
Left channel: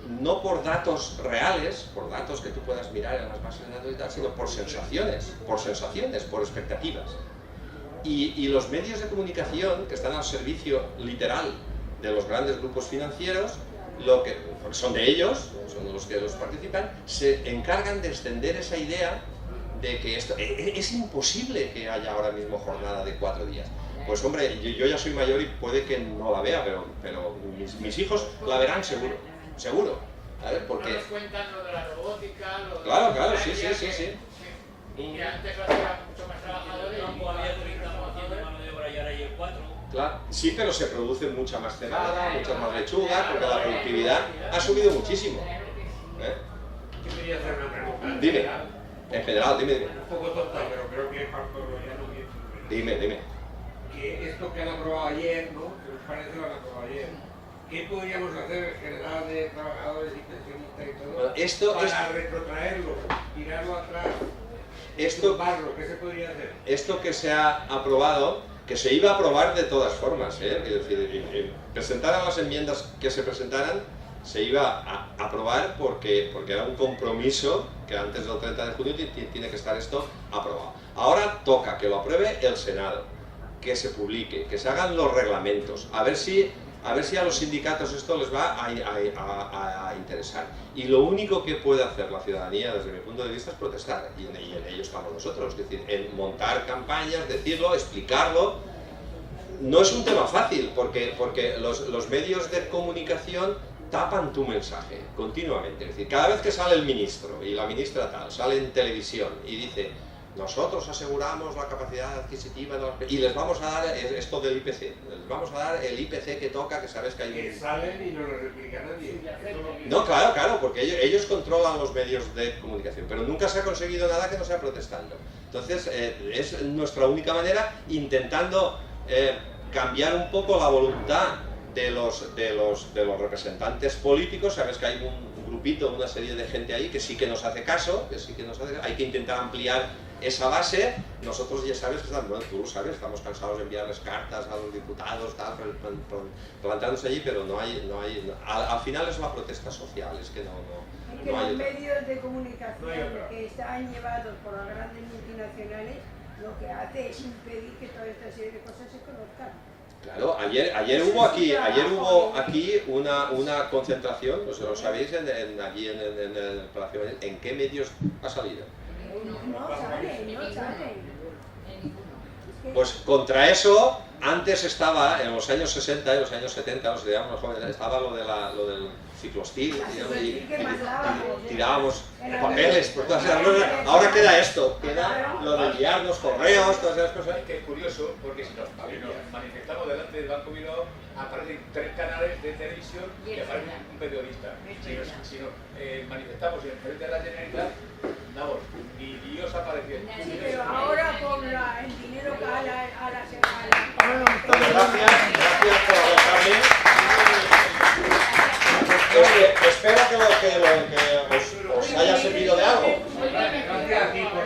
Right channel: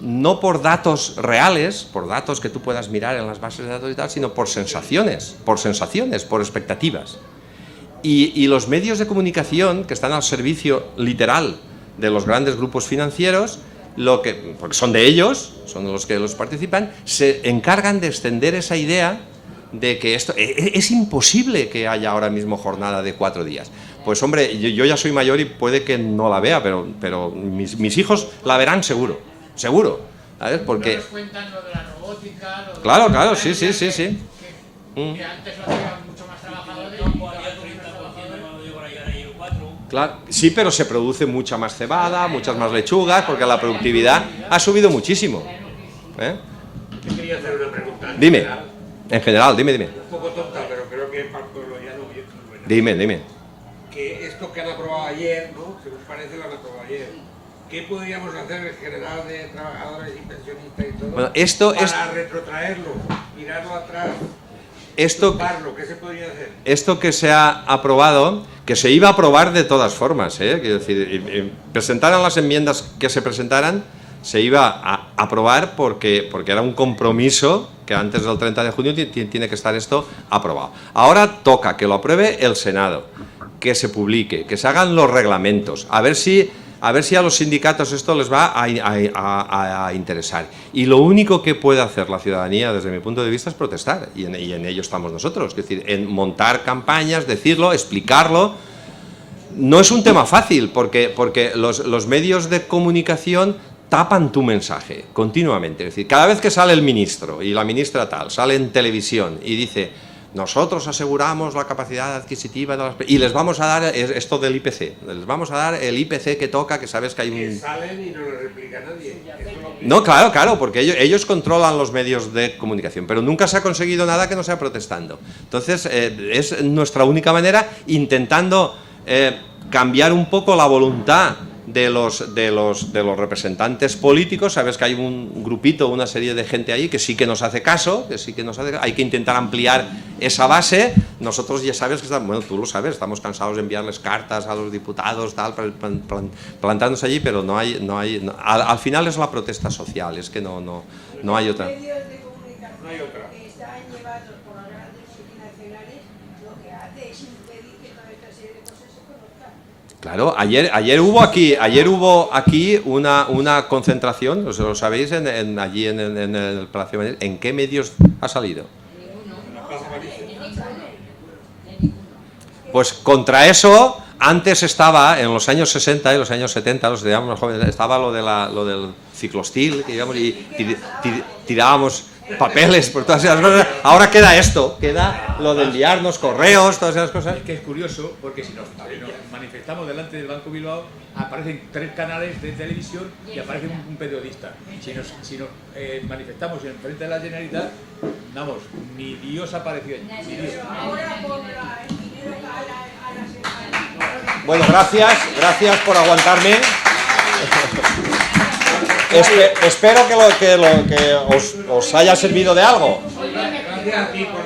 no por datos reales, por datos que tú puedas mirar en las bases de datos y tal, sino por sensaciones, por expectativas. Y los medios de comunicación que están al servicio literal de los grandes grupos financieros, porque son de ellos, son los que los participan, se encargan de extender esa idea de que esto es imposible que haya ahora mismo jornada de 4 días. Pues hombre, yo ya soy mayor y puede que no la vea, pero mis hijos la verán seguro, ¿sabes? Porque... No nos cuentan lo de la robótica, lo de Claro, la sí. que antes lo hacían mucho más trabajadores. Claro, sí, pero se produce mucha más cebada, muchas más lechugas, porque la productividad ha subido muchísimo. Yo quería hacer una pregunta. Dime, en general, dime. Un poco tonta, pero creo que es para el pueblo llano bien buena. Dime. Que esto que han aprobado ayer, ¿no? Que nos parece lo han aprobado ayer. ¿Qué podríamos hacer en general de trabajadores y pensionistas y todo bueno, para retrotraerlo, tirarlo atrás, tumbarlo? ¿Qué se podría hacer? Esto que se ha aprobado, que se iba a aprobar de todas formas, quiero decir, presentaran las enmiendas que se presentaran, se iba a aprobar porque era un compromiso que antes del 30 de junio tiene que estar esto aprobado. Ahora toca que lo apruebe el Senado, que se publique, que se hagan los reglamentos, a ver si a los sindicatos esto les va a interesar. Y lo único que puede hacer la ciudadanía, desde mi punto de vista, es protestar, y en ello estamos nosotros, es decir, en montar campañas, decirlo, explicarlo. No es un tema fácil, porque los medios de comunicación tapan tu mensaje continuamente. Es decir, cada vez que sale el ministro y la ministra tal, sale en televisión y dice: nosotros aseguramos la capacidad adquisitiva de las... Y les vamos a dar esto del IPC, les vamos a dar el IPC que toca, que sabes que hay un... Que salen y no lo replica nadie. No, claro, porque ellos controlan los medios de comunicación, pero nunca se ha conseguido nada que no sea protestando. Entonces, es nuestra única manera, intentando cambiar un poco la voluntad de los representantes políticos. Sabes que hay un grupito, una serie de gente ahí que sí que nos hace caso, hay que intentar ampliar esa base. Nosotros ya sabes que tú lo sabes, estamos cansados de enviarles cartas a los diputados, tal, plantándose allí, pero al final es la protesta social, es que no hay otra. Medios de comunicación. No hay otra. van llevados por las grandes multinacionales, lo que hace es impedir que toda esta serie de cosas se conozcan. Claro, ayer hubo aquí una concentración, lo sabéis, allí en el Palacio de Madrid. ¿En qué medios ha salido? Pues contra eso, antes estaba, en los años 60 y los años 70, los digamos más jóvenes, estaba lo del ciclostil, que digamos, y tirábamos papeles por todas esas cosas. Ahora queda esto, queda lo de enviarnos correos, todas esas cosas. Es que es curioso, porque si nos manifestamos delante del Banco Bilbao, aparecen 3 canales de televisión y aparece un periodista. Si nos manifestamos en frente de la Generalitat, vamos, ni Dios apareció. Ni Dios. Pero ahora con el dinero que Bueno, gracias por aguantarme. Espero que os haya servido de algo. Gracias a ti por